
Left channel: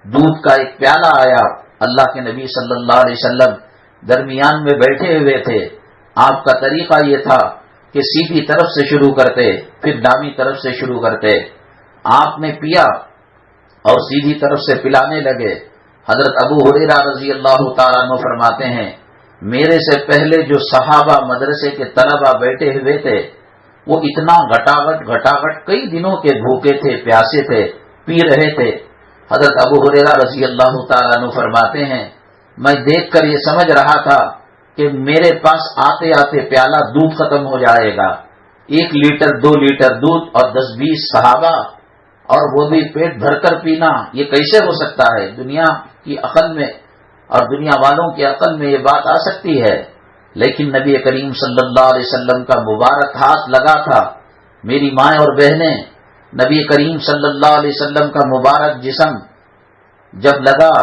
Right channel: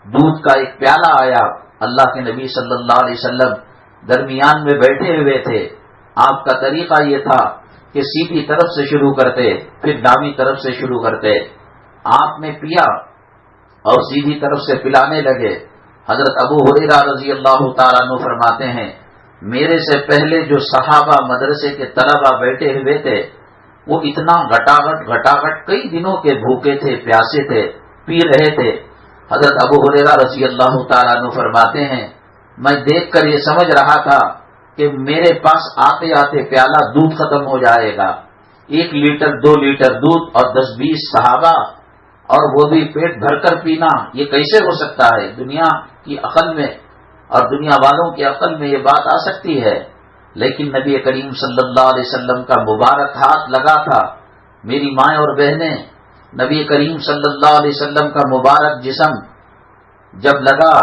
دودھ کا ایک پیالہ آیا، اللہ کے نبی صلی اللہ علیہ وسلم درمیان میں بیٹھے ہوئے تھے۔ آپ کا طریقہ یہ تھا کہ سیدھی طرف سے شروع کرتے پھر دامی طرف سے شروع کرتے. آپ نے پیا اور سیدھی طرف سے پلانے لگے. حضرت ابو ہریرہ رضی اللہ تعالیٰ عنہ فرماتے ہیں میرے سے پہلے جو صحابہ مدرسے کے طلبہ بیٹھے ہوئے تھے وہ اتنا گھٹاگھٹ کئی دنوں کے بھوکے تھے، پیاسے تھے، پی رہے تھے. حضرت ابو ہریرہ رضی اللہ تعالیٰ عنہ فرماتے ہیں میں دیکھ کر یہ سمجھ رہا تھا کہ میرے پاس آتے آتے پیالہ دودھ ختم ہو جائے گا. 1 لیٹر 2 لیٹر دودھ اور 10-20 صحابہ اور وہ بھی پیٹ بھر کر پینا، یہ کیسے ہو سکتا ہے؟ دنیا کی عقل میں اور دنیا والوں کی عقل میں یہ بات آ سکتی ہے؟ لیکن نبی کریم صلی اللہ علیہ وسلم کا مبارک ہاتھ لگا تھا. میری مائیں اور بہنیں، نبی کریم صلی اللہ علیہ وسلم کا مبارک جسم جب لگا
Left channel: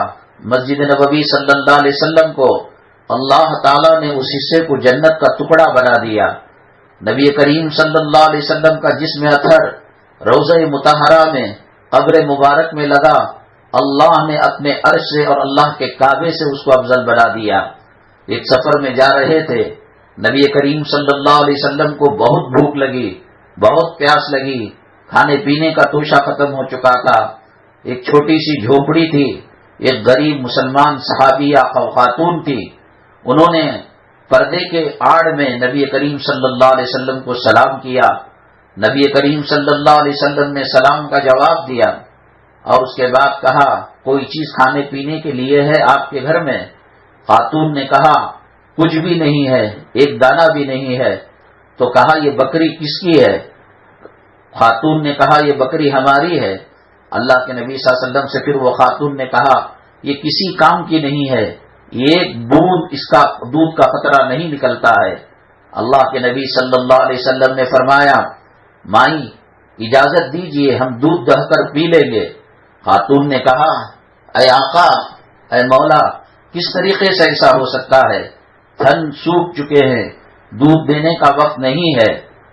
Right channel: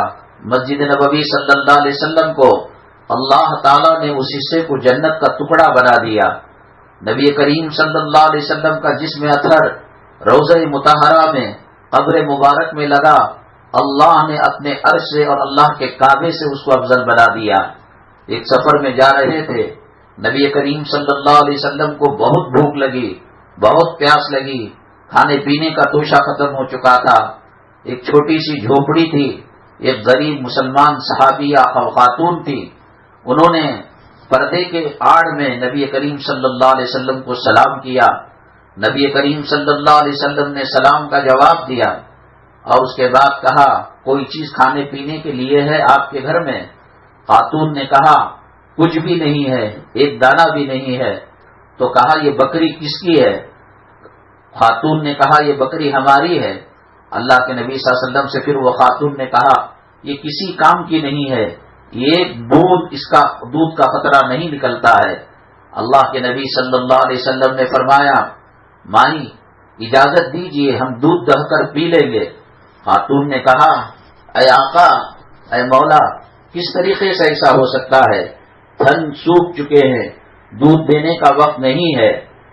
مسجد نبوی صلی اللہ علیہ وسلم کو، اللہ تعالیٰ نے اس حصے کو جنت کا ٹکڑا بنا دیا. نبی کریم صلی اللہ علیہ وسلم کا جسم اطہر روضہ مطہرہ میں قبر مبارک میں لگا، اللہ نے اپنے عرش سے اور اللہ کے کعبے سے اس کو افضل بنا دیا. ایک سفر میں جا رہے تھے، نبی کریم صلی اللہ علیہ وسلم کو بہت بھوک لگی، بہت پیاس لگی، کھانے پینے کا توشہ ختم ہو چکا تھا. ایک چھوٹی سی جھوپڑی تھی، ایک غریب مسلمان صحابیہ خاتون تھی، انہوں نے پردے کے آڑ میں نبی کریم صلی اللہ علیہ وسلم کو سلام کیا. نبی کریم صلی اللہ علیہ وسلم نے سلام کا جواب دیا اور اس کے بعد کہا کوئی چیز کھانے پینے کے لیے ہے آپ کے گھر میں؟ خاتون نے کہا کچھ بھی نہیں ہے، ایک دانہ بھی نہیں ہے. تو کہا یہ بکری کس کی ہے؟ خاتون نے کہا یہ بکری ہماری ہے. اللہ کے نبی صلی اللہ علیہ وسلم سے پھر وہ خاتون نے کہا یہ کسی کام کی نہیں ہے، ایک بوند اس کا دودھ کا قطرہ نہیں نکلتا ہے. اللہ کے نبی صلی اللہ علیہ وسلم نے فرمایا مائی اجازت دیجئے ہم دودھ دہ کر پی لیں گے. خاتون نے کہا اے آقا، اے مولا، کس طریقے سے ایسا ہو سکتا ہے؟ تھن سوکھ چکے ہیں، دودھ دینے کا وقت نہیں ہے.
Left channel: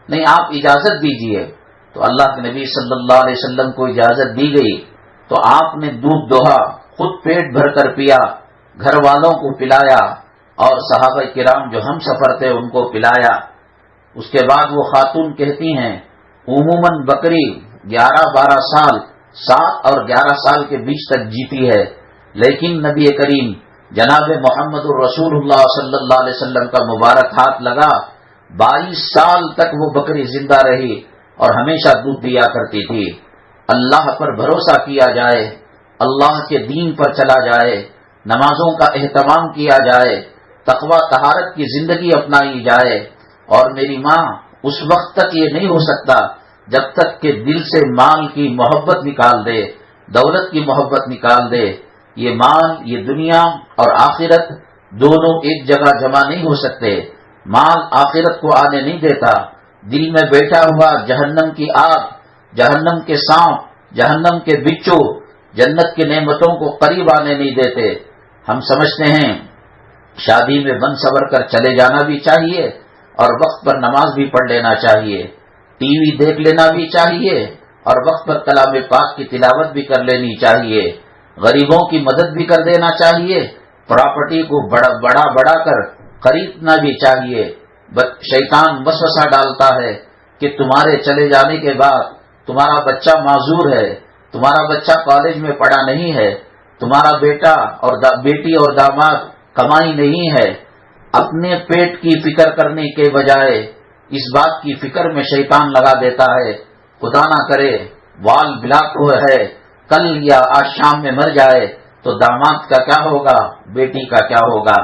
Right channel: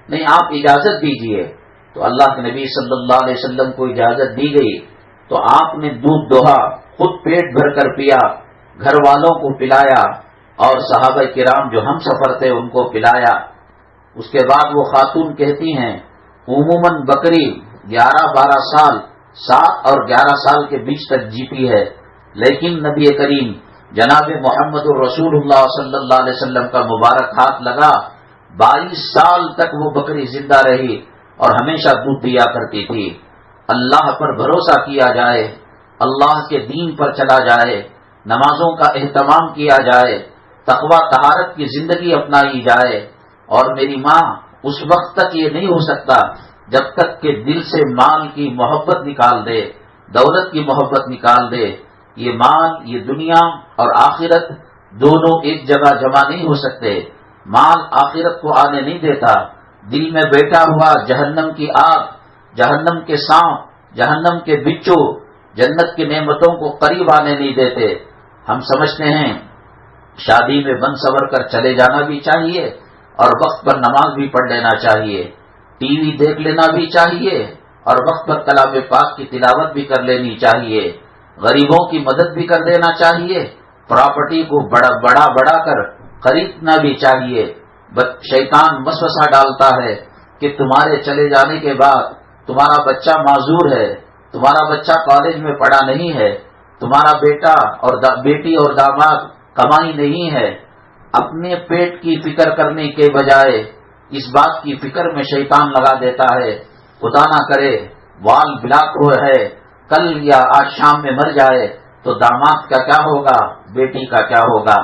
نہیں، آپ اجازت دیجئے. تو اللہ کے نبی صلی اللہ علیہ وسلم کو اجازت دی گئی تو آپ نے دودھ دوہا، خود پیٹ بھر کر پیا، گھر والوں کو پلایا اور صحابہ کرام جو ہم سفر تھے ان کو پلایا. اس کے بعد وہ خاتون کہتی ہیں عموماً بکری 11-12 سال، 7 اور 11 سال کے بیچ تک جیتی ہے، لیکن نبی کریم جناب محمد الرسول اللہ صلی اللہ علیہ وسلم کا مبارک ہاتھ لگا 22 سال تک وہ بکری زندہ رہی اور ہمیشہ دودھ دیا کرتی تھی. اللہ پر بھروسہ کیا جائے، اللہ کے دین پر چلا جائے، نمازوں کا اہتمام کیا جائے، تقوی طہارت کی زندگی اپنائی جائے. اور میری ماں اس وقت تک یہ نہیں ہو سکتا جب تک کہ دل سے مال کی محبت نکال دے، دولت کی محبت نکال دے. یہ مال، یہ دنیا اور آخرت دونوں ایک جگہ جمع نہیں ہو سکتے. مال آخرت کو آنے نہیں دیتا. دل میں بیٹھا ہوا جہنم کی آگ، جہنم کے سانپ، جہنم کے بچھو جنت کی نعمتوں کو قریب آنے نہیں دیتے. ہم سمجھتے ہیں شادی میں بن سور کر چلے جانا بھی چاہیے اور وقت پر نماز بھی پڑھ لینا چاہیے، ٹی وی دیکھ لینا بھی چاہیے اور وقت پر کلام پاک کی تلاوت بھی کر لینی چاہیے، غریبوں کی مدد بھی کر دینا چاہیے، پراپرٹی کو بڑا کر خریدنا بھی چاہیے. شیطان وسوسہ ڈالتا ہے کہ تمہارے چلے جانے کے بعد تمہارا بچہ معذور ہے، تمہارا بچہ کالج میں پڑھا نہیں ہے، تمہارا بیٹا اور بیٹی اور داماد کمائی نہیں ہے. اپنے پیٹ کی فکر کرنے کے بجائے اس بات کی فکر میں شیطان لگا دیتا ہے خدا نہ کرے وال بلاک ہوا ہے، کل یا آج شام میں مر جائے تو داماد کا کیا ہوگا، بیٹی کا کیا ہوگا.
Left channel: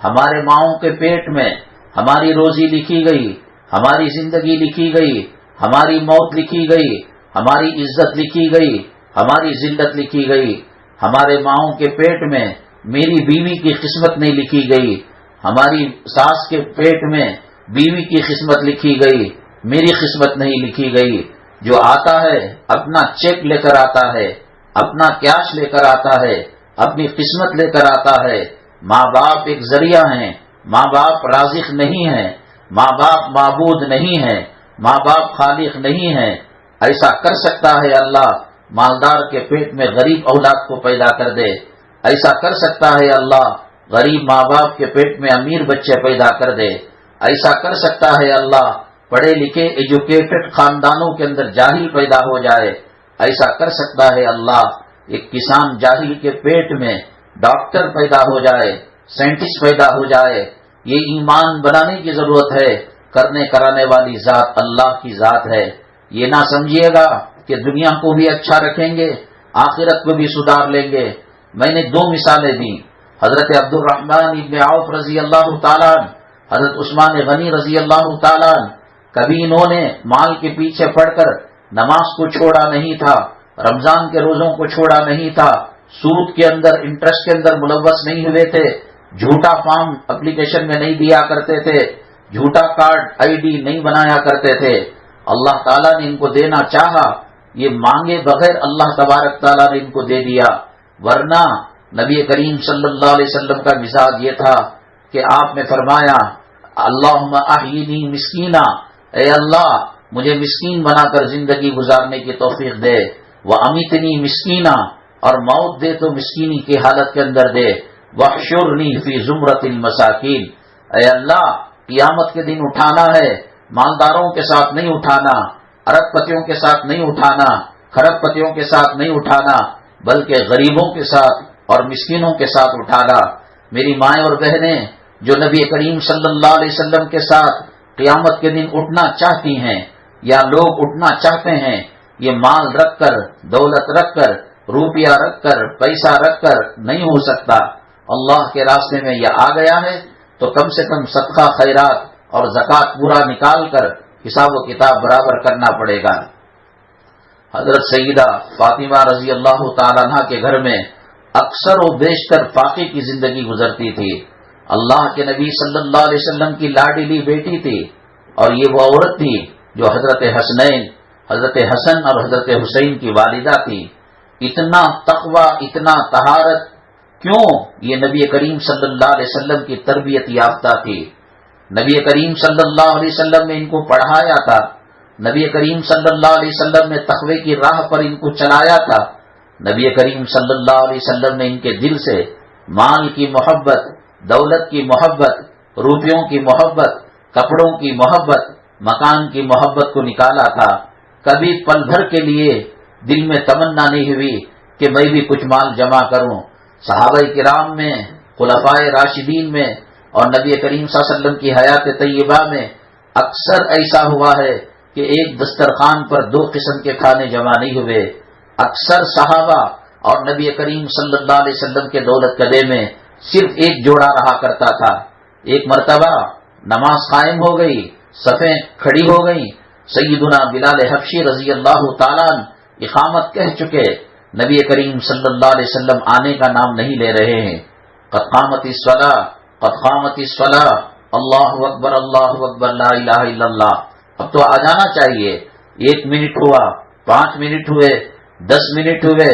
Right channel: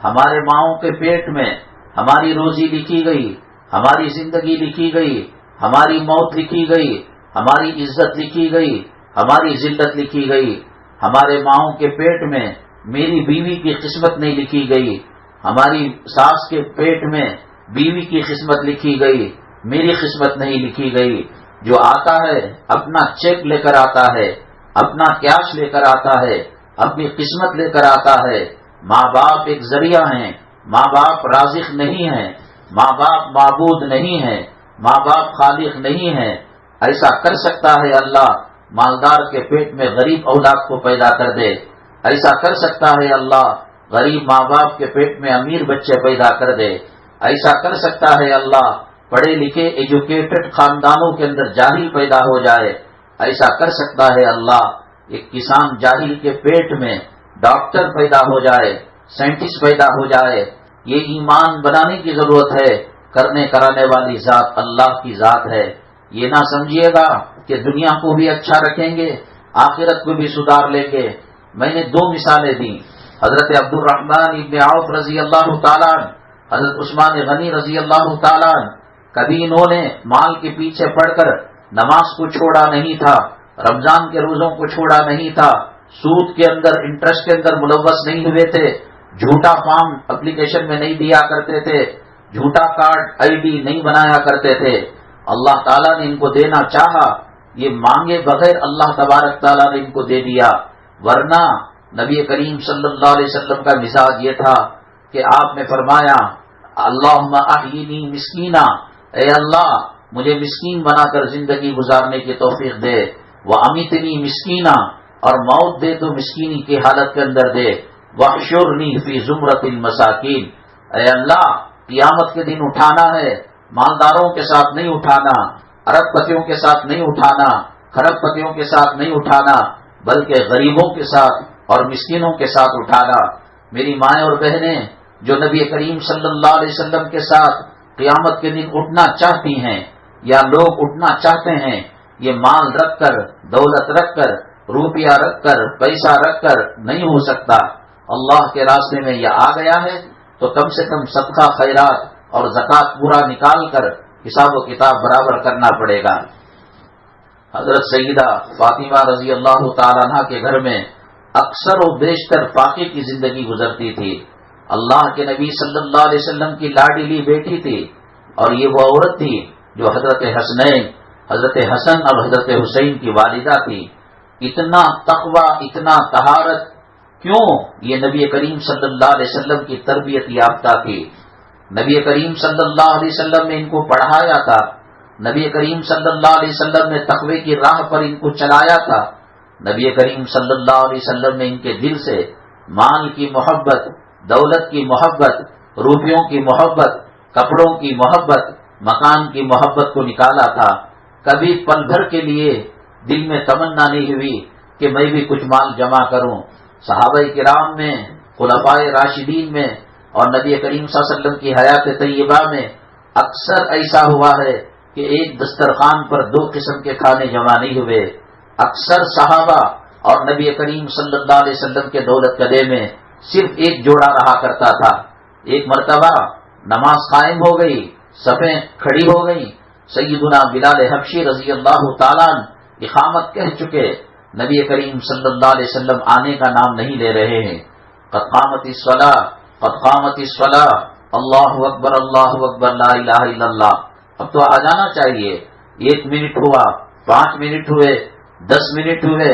ہمارے ماؤں کے پیٹ میں ہماری روزی لکھی گئی، ہماری زندگی لکھی گئی، ہماری موت لکھی گئی، ہماری عزت لکھی گئی، ہماری ذلت لکھی گئی. ہمارے ماؤں کے پیٹ میں میری بیوی کی قسمت نہیں لکھی گئی، ہماری ساس کے پیٹ میں بیوی کی قسمت لکھی گئی، میری قسمت نہیں لکھی گئی. جو آتا ہے اپنا چیک لے کر آتا ہے، اپنا کیش لے کر آتا ہے، اپنی قسمت لے کر آتا ہے. ماں باپ ایک ذریعہ ہیں، ماں باپ رازق نہیں ہیں، ماں باپ معبود نہیں ہیں، ماں باپ خالق نہیں ہیں. ایسا کر سکتا ہے اللہ مالدار کے پیٹ میں غریب اولاد کو پیدا کر دے، ایسا کر سکتا ہے اللہ غریب ماں باپ کے پیٹ میں امیر بچے پیدا کر دے، ایسا کر سکتا ہے اللہ پڑھے لکھے ایجوکیٹڈ خاندانوں کے اندر جاہل پیدا ہو جائے، ایسا کر سکتا ہے اللہ۔ ایک کسان جاہل کے پیٹ میں ڈاکٹر پیدا ہو جائے، سائنٹسٹ پیدا ہو جائے، یہ ایمان بنانے کی ضرورت ہے۔ کرنے کرانے والی ذات اللہ کی ذات ہے۔ یہ نہ سمجھیے گا کہ دنیا کو بھی اچھا رکھیں گے، آخرت کو بھی سدھار لیں گے۔ میں نے 2 مثالیں دی، حضرت عبد الرحمن ابن عوف رضی اللہ تعالیٰ عنہ، حضرت عثمان غنی رضی اللہ تعالیٰ عنہ۔ کبھی انہوں نے مال کے پیچھے پڑ کر نماز کو چھوڑا نہیں تھا، رمضان کے روزوں کو چھوڑا نہیں تھا، سود کے اندر انٹرسٹ کے اندر ملوث نہیں ہوئے تھے، جھوٹا فارم اپلیکیشن میں نہیں دیا کرتے تھے، جھوٹا کارڈ آئی ڈی نہیں بنایا کرتے تھے۔ اللہ تعالیٰ نے ان کو دینا چاہا، یہ مانگے بغیر اللہ تبارک تعالیٰ نے ان کو دے دیا۔ ورنہ نبی کریم صلی اللہ علیہ وسلم کا مزاج یہ تھا کہ آپ نے فرمایا اللہم احیینی مسکینا، اے اللہ مجھے مسکین بنا کر زندگی گزارنے کی توفیق دے، وَأَمِتْنِي مسکینا، اور موت دے تو مسکینی کی حالت کے اندر دے، وَاحْشُرْنِي فِي زُمْرَةِ الْمَسَاكِينَ، اے اللہ قیامت کے دن اٹھانا ہے، مالداروں کے ساتھ نہیں اٹھانا، ارب پتیوں کے ساتھ نہیں اٹھانا، خرب پتیوں کے ساتھ نہیں اٹھانا، بلکہ غریبوں کے ساتھ اور مسکینوں کے ساتھ اٹھانا۔ میری مائیں اور بہنیں جو نبی کریم صلی اللہ علیہ وسلم کے ساتھ قیامت کے دن اٹھنا چاہتی ہیں یا لوگ اٹھنا چاہتے ہیں، یہ مال رکھ کر، دولت رکھ کر، روپیہ رکھ کر، پیسہ رکھ کر نہیں ہو سکتا۔ اللہ کے راستے میں یہ آ گیا ہے تو کم سے کم صدقہ خیرات اور زکوٰۃ پورا نکال کر حساب و کتاب برابر کرنا پڑے گا۔ حضرت سیدہ فاطمہ رضی اللہ تعالیٰ عنہ کے گھر میں اکثر و بیشتر فاقے کی زندگی گزرتی تھی۔ اللہ کے نبی صلی اللہ علیہ وسلم کی لاڈلی بیٹی تھی، اور یہ وہ عورت تھی جو حضرت حسنین، حضرت حسن اور حضرت حسین کی والدہ تھی۔ اتنا تقوی، اتنا طہارت، کیوں؟ یہ نبی کریم صلی اللہ علیہ وسلم کی تربیت یافتہ تھی۔ نبی کریم صلی اللہ علیہ وسلم نے ان کو پڑھایا تھا، نبی کریم صلی اللہ علیہ وسلم نے تقوی کی راہ پر ان کو چلایا تھا۔ نبی کریم صلی اللہ علیہ وسلم نے ان کے دل سے مال کی محبت، دولت کی محبت، روپیوں کی محبت، کپڑوں کی محبت، مکان کی محبت کو نکالا تھا۔ کبھی پل بھر کے لیے دل میں تمنا نہیں ہوئی کہ میں بھی کچھ مال جمع کروں۔ صحابہ کرام میں، خلفائے راشدین میں اور نبی کریم صلی اللہ علیہ وسلم کی حیات طیبہ میں اکثر ایسا ہوا ہے کہ ایک دسترخوان پر 2 قسم کے کھانے جمع نہیں ہوئے۔ اکثر صحابہ اور نبی کریم صلی اللہ علیہ وسلم کے دولت کدے میں صرف ایک جوڑا رہا کرتا تھا۔ ایک مرتبہ نماز قائم ہو گئی، صفیں کھڑی ہو گئیں، سیدنا بلال حبشی رضی اللہ تعالیٰ عنہ اقامت کہہ چکے، نبی کریم صلی اللہ علیہ وسلم آنے کا نام نہیں لے رہے ہیں۔ قد قامت الصلاۃ، قد قامت الصلاۃ، اللہ اکبر، اللہ اکبر، لا الہ الا اللہ۔ اب تو آ جانا چاہیے۔ 1 منٹ ہوا، 5 منٹ ہوئے، 10 منٹ ہوئے،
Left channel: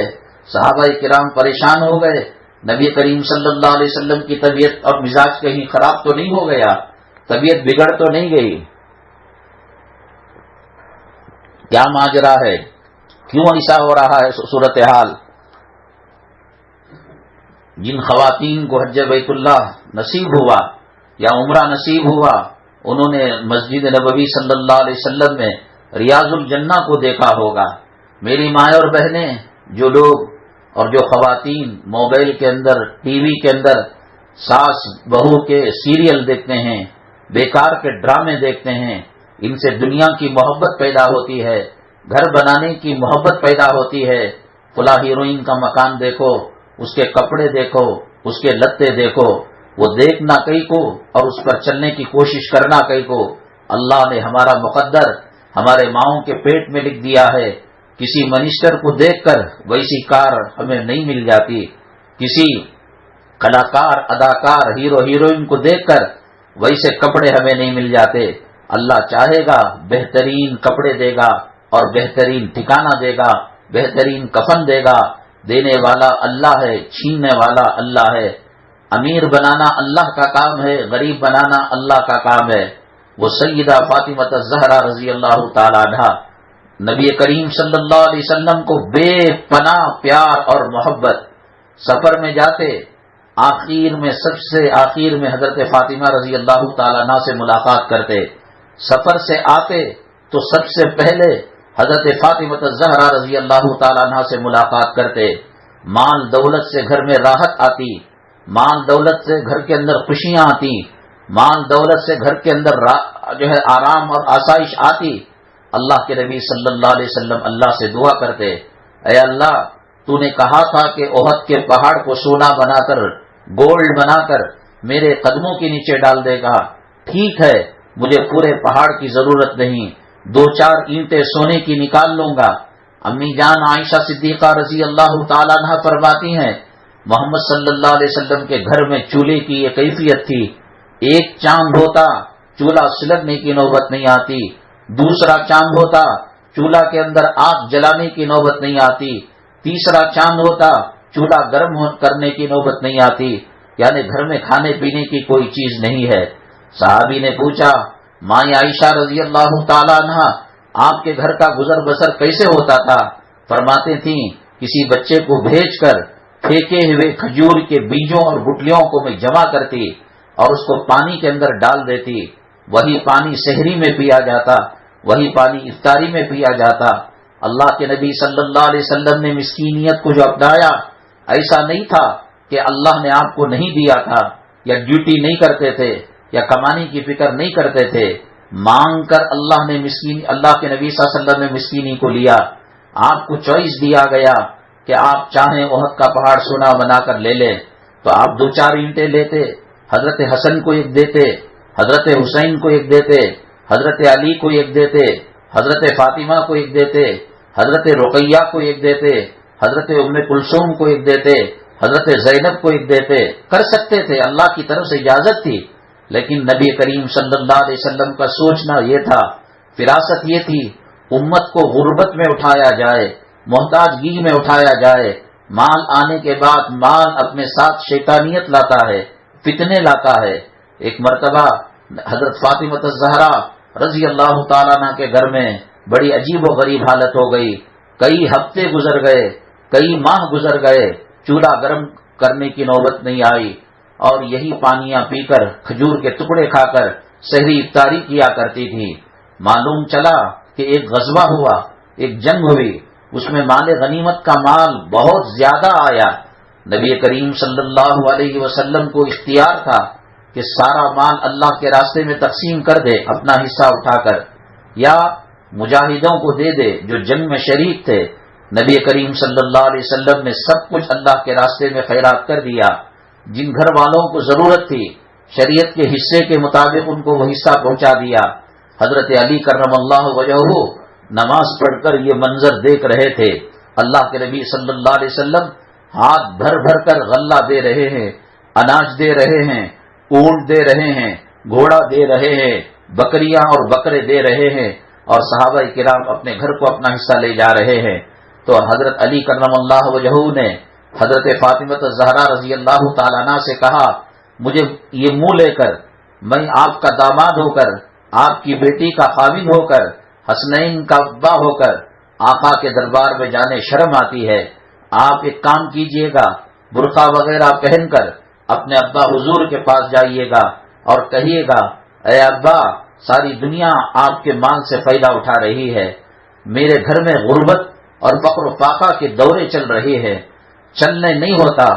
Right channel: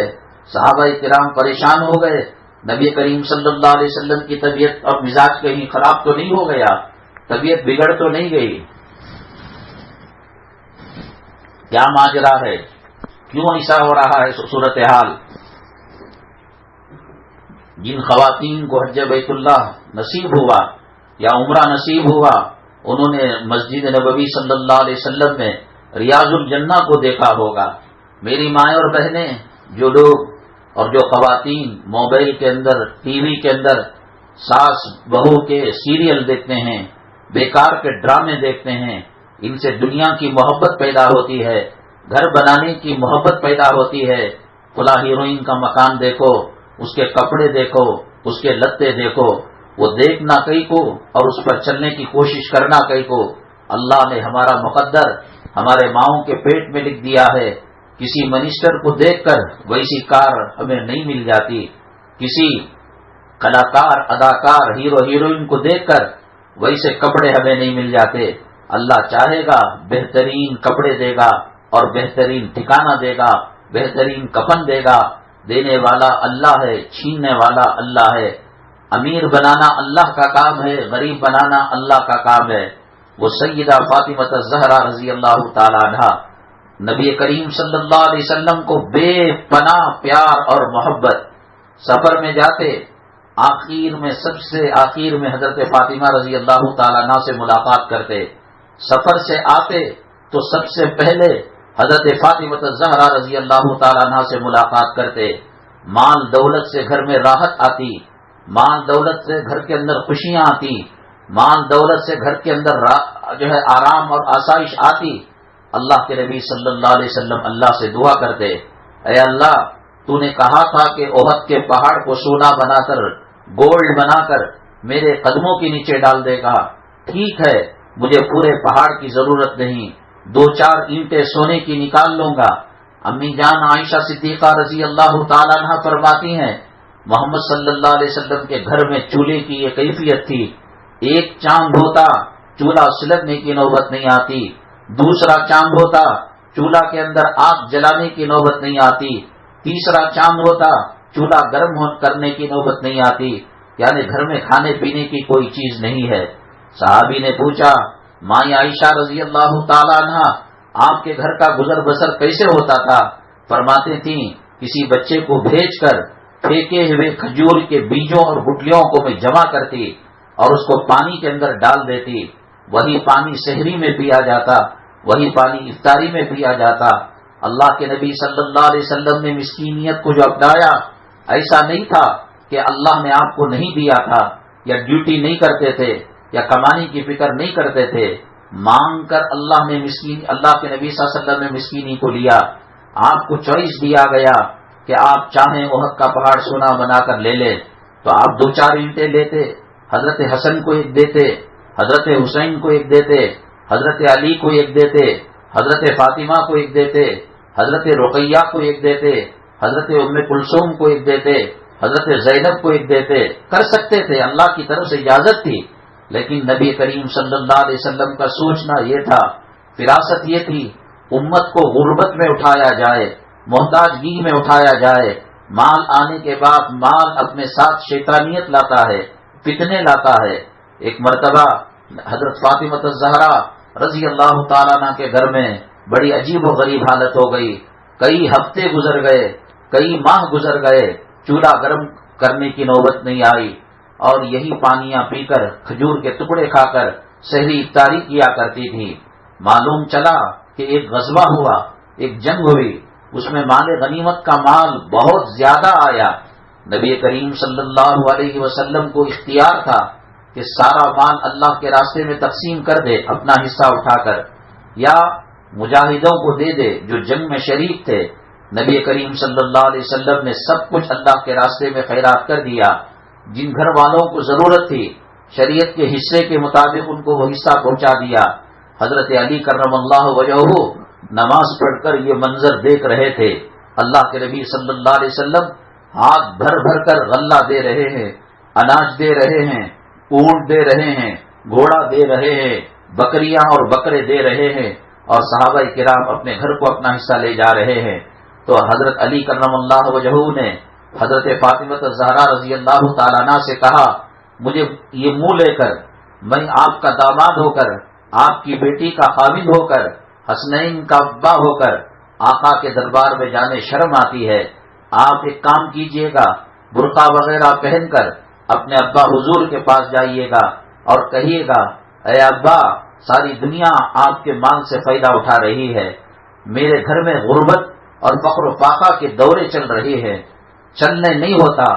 صحابہ کرام پریشان ہو گئے۔ نبی کریم صلی اللہ علیہ وسلم کی طبیعت اور مزاج کہیں خراب تو نہیں ہو گیا، طبیعت بگڑ تو نہیں گئی؟ کیا ماجرا ہے؟ کیوں ایسا ہو رہا ہے صورتحال؟ جن خواتین کو حج بیت اللہ نصیب ہوا یا عمرہ نصیب ہوا، انہوں نے مسجد نبوی صلی اللہ علیہ وسلم میں ریاض الجنہ کو دیکھا ہوگا۔ میری مائیں اور بہنیں، جو لوگ اور جو خواتین موبائل کے اندر، ٹی وی کے اندر ساس بہو کے سیریل دیکھتے ہیں، بیکار کے ڈرامے دیکھتے ہیں، ان سے دنیا کی محبت پیدا ہوتی ہے، گھر بنانے کی محبت پیدا ہوتی ہے۔ فلاں ہیروئن کا مکان دیکھو، اس کے کپڑے دیکھو، اس کے لتے دیکھو، وہ دیکھنا کئی کو اور اس پر چلنے کی کوشش کرنا کئی کو۔ اللہ نے ہمارا مقدر ہمارے ماؤں کے پیٹ میں لکھ دیا ہے۔ کسی منسٹر کو دیکھ کر ویسی کار ہمیں نہیں مل جاتی، کسی کلاکار، اداکار، ہیرو ہیروئن کو دیکھ کر ویسے کپڑے ہمیں نہیں مل جاتے۔ اللہ چاہے گا بہترین کپڑے دے گا اور بہترین ٹھکانہ دے گا، بہترین کفن دے گا۔ دینے والا اللہ ہے، چھیننے والا اللہ ہے۔ امیر بنانا اللہ کا کام ہے، غریب بنانا اللہ کا کام ہے۔ وہ سیدہ فاطمہ الزہرا رضی اللہ تعالی عنہا نبی کریم صلی اللہ علیہ وسلم کو بے پناہ پیار اور محبت، سفر میں جاتے آخر میں، سب سے آخر میں حضرت فاطمہ رضی اللہ تعالی عنہ سے ملاقات کرتے، سفر سے آتے تو سب سے پہلے حضرت فاطمہ الزہرا رضی اللہ تعالیٰ عنہا سے ملاقات کرتے، مال دولت سے گھر میں راحت آتی، مال دولت سے گھر کے اندر خوشیاں آتی، مال دولت سے گھر کے اندر آرام اور آسائش آتی۔ اللہ کے نبی صلی اللہ علیہ وسلم اللہ سے دعا کرتے، اے اللہ تو نے کہا تھا کہ احد کے پہاڑ کو سونا بنا کر، گولڈ بنا کر میرے قدموں کے نیچے ڈال دے گا، ٹھیک ہے مجھے پورے پہاڑ کی ضرورت نہیں، 2-4 اینٹیں سونے کی نکال لوں گا۔ امی جان عائشہ صدیقہ رضی اللہ تعالیٰ عنہ فرماتی ہیں محمد صلی اللہ علیہ وسلم کے گھر میں چولہے کی یہ کیفیت تھی، ایک چاند ہوتا چولہا سلگنے کی نوبت نہیں آتی، دوسرا چاند ہوتا چولہا کے اندر آگ جلانے کی نوبت نہیں آتی، تیسرا چاند ہوتا چولہا گرم کرنے کی نوبت نہیں آتی، یعنی گھر میں کھانے پینے کی کوئی چیز نہیں ہے۔ صحابی نے پوچھا ماں عائشہ رضی اللہ تعالیٰ عنہ آپ کے گھر کا گزر بسر کیسے ہوتا تھا؟ فرماتے تھیں کسی بچے کو بھیج کر پھینکے ہوئے کھجور کے بیجوں اور گٹلیوں کو میں جمع کرتی اور اس کو پانی کے اندر ڈال دیتی، وہی پانی سحری میں پیا جاتا، وہی پانی افطاری میں پیا جاتا۔ اللہ کے نبی صلی اللہ علیہ وسلم نے مسکینیت کو جو اپنایا، ایسا نہیں تھا کہ اللہ نے آپ کو نہیں دیا تھا یا ڈیوٹی نہیں کرتے تھے یا کمانے کی فکر نہیں کرتے تھے، مانگ کر اللہ کے نبی صلی اللہ علیہ وسلم نے مسکینی کو لیا۔ آپ کو چوائس دیا گیا کہ آپ چاہیں احد کا پہاڑ سونا بنا کر لے لیں تو آپ 2-4 اینٹیں لیتے، حضرت حسن کو ایک دیتے، حضرت حسین کو ایک دیتے، حضرت علی کو ایک دیتے، حضرت فاطمہ کو ایک دیتے، حضرت رقیہ کو ایک دیتے، حضرت ام کلثوم کو ایک دیتے، حضرت زینب کو ایک دیتے، کر سکتے تھے، اللہ کی طرف سے اجازت تھی، لیکن نبی کریم صلی اللہ علیہ وسلم کا سوچنا یہ تھا، فراست یہ تھی امت کو غربت میں اٹھایا جائے، محتاجگی میں اٹھایا جائے۔ مال آنے کے بعد مال اپنے ساتھ شیطانیت لاتا ہے، فتنے لاتا ہے۔ ایک مرتبہ حضرت فاطمہ الزہرا رضی اللہ تعالیٰ عنہ کے گھر میں بڑی عجیب و غریب حالت ہو گئی، کئی ہفتے گزر گئے، کئی ماہ گزر گئے، چولہا گرم کرنے کی نوبت نہیں آئی، اور یہی پانیاں پی کر کھجور کے ٹکڑے کھا کر سحری افطاری کیا کرتی تھی۔ معلوم چلا کہ ایک غزوہ ہوا، ایک جنگ ہوئی، اس میں مال غنیمت کا مال بہت زیادہ آیا۔ نبی کریم صلی اللہ علیہ وسلم کو اختیار تھا کہ سارا مال اللہ کے راستے میں تقسیم کر دے اپنا حصہ اٹھا کر، یا مجاہدوں کو دے دے جو جنگ میں شریک تھے۔ نبی کریم صلی اللہ علیہ وسلم نے سب کچھ اللہ کے راستے میں خیرات کر دیا۔ جن گھر والوں کو ضرورت تھی شریعت کے حصے کے مطابق ان کو وہ حصہ پہنچا دیا۔ حضرت علی کرم اللہ وجہہ نماز پڑھ کر یہ منظر دیکھ رہے تھے، اللہ کے نبی صلی اللہ علیہ وسلم ہاتھ بھر بھر کر غلہ دے رہے ہیں، اناج دے رہے ہیں، اونٹ دے رہے ہیں، گھوڑا دے رہے ہیں، بکریاں اور بکرے دے رہے ہیں، اور صحابہ کرام اپنے گھر کو اپنا حصہ لے جا رہے ہیں۔ تو حضرت علی کرم اللہ وجہہ نے حضرت فاطمہ الزہرا رضی اللہ تعالیٰ عنہ سے کہا مجھے یہ منہ لے کر، میں آپ کا داماد ہو کر، آپ کی بیٹی کا خاوند ہو کر، حسنین کا ابا ہو کر آقا کے دربار میں جانے شرم آتی ہے۔ آپ ایک کام کیجئے گا، برقع وغیرہ پہن کر اپنے ابا حضور کے پاس جائیے گا اور کہیے گا اے ابا ساری دنیا آپ کے مال سے فائدہ اٹھا رہی ہے، میرے گھر میں غربت اور فقر و فاقہ کے دورے چل رہے ہیں، چلنے نہیں ہوتا،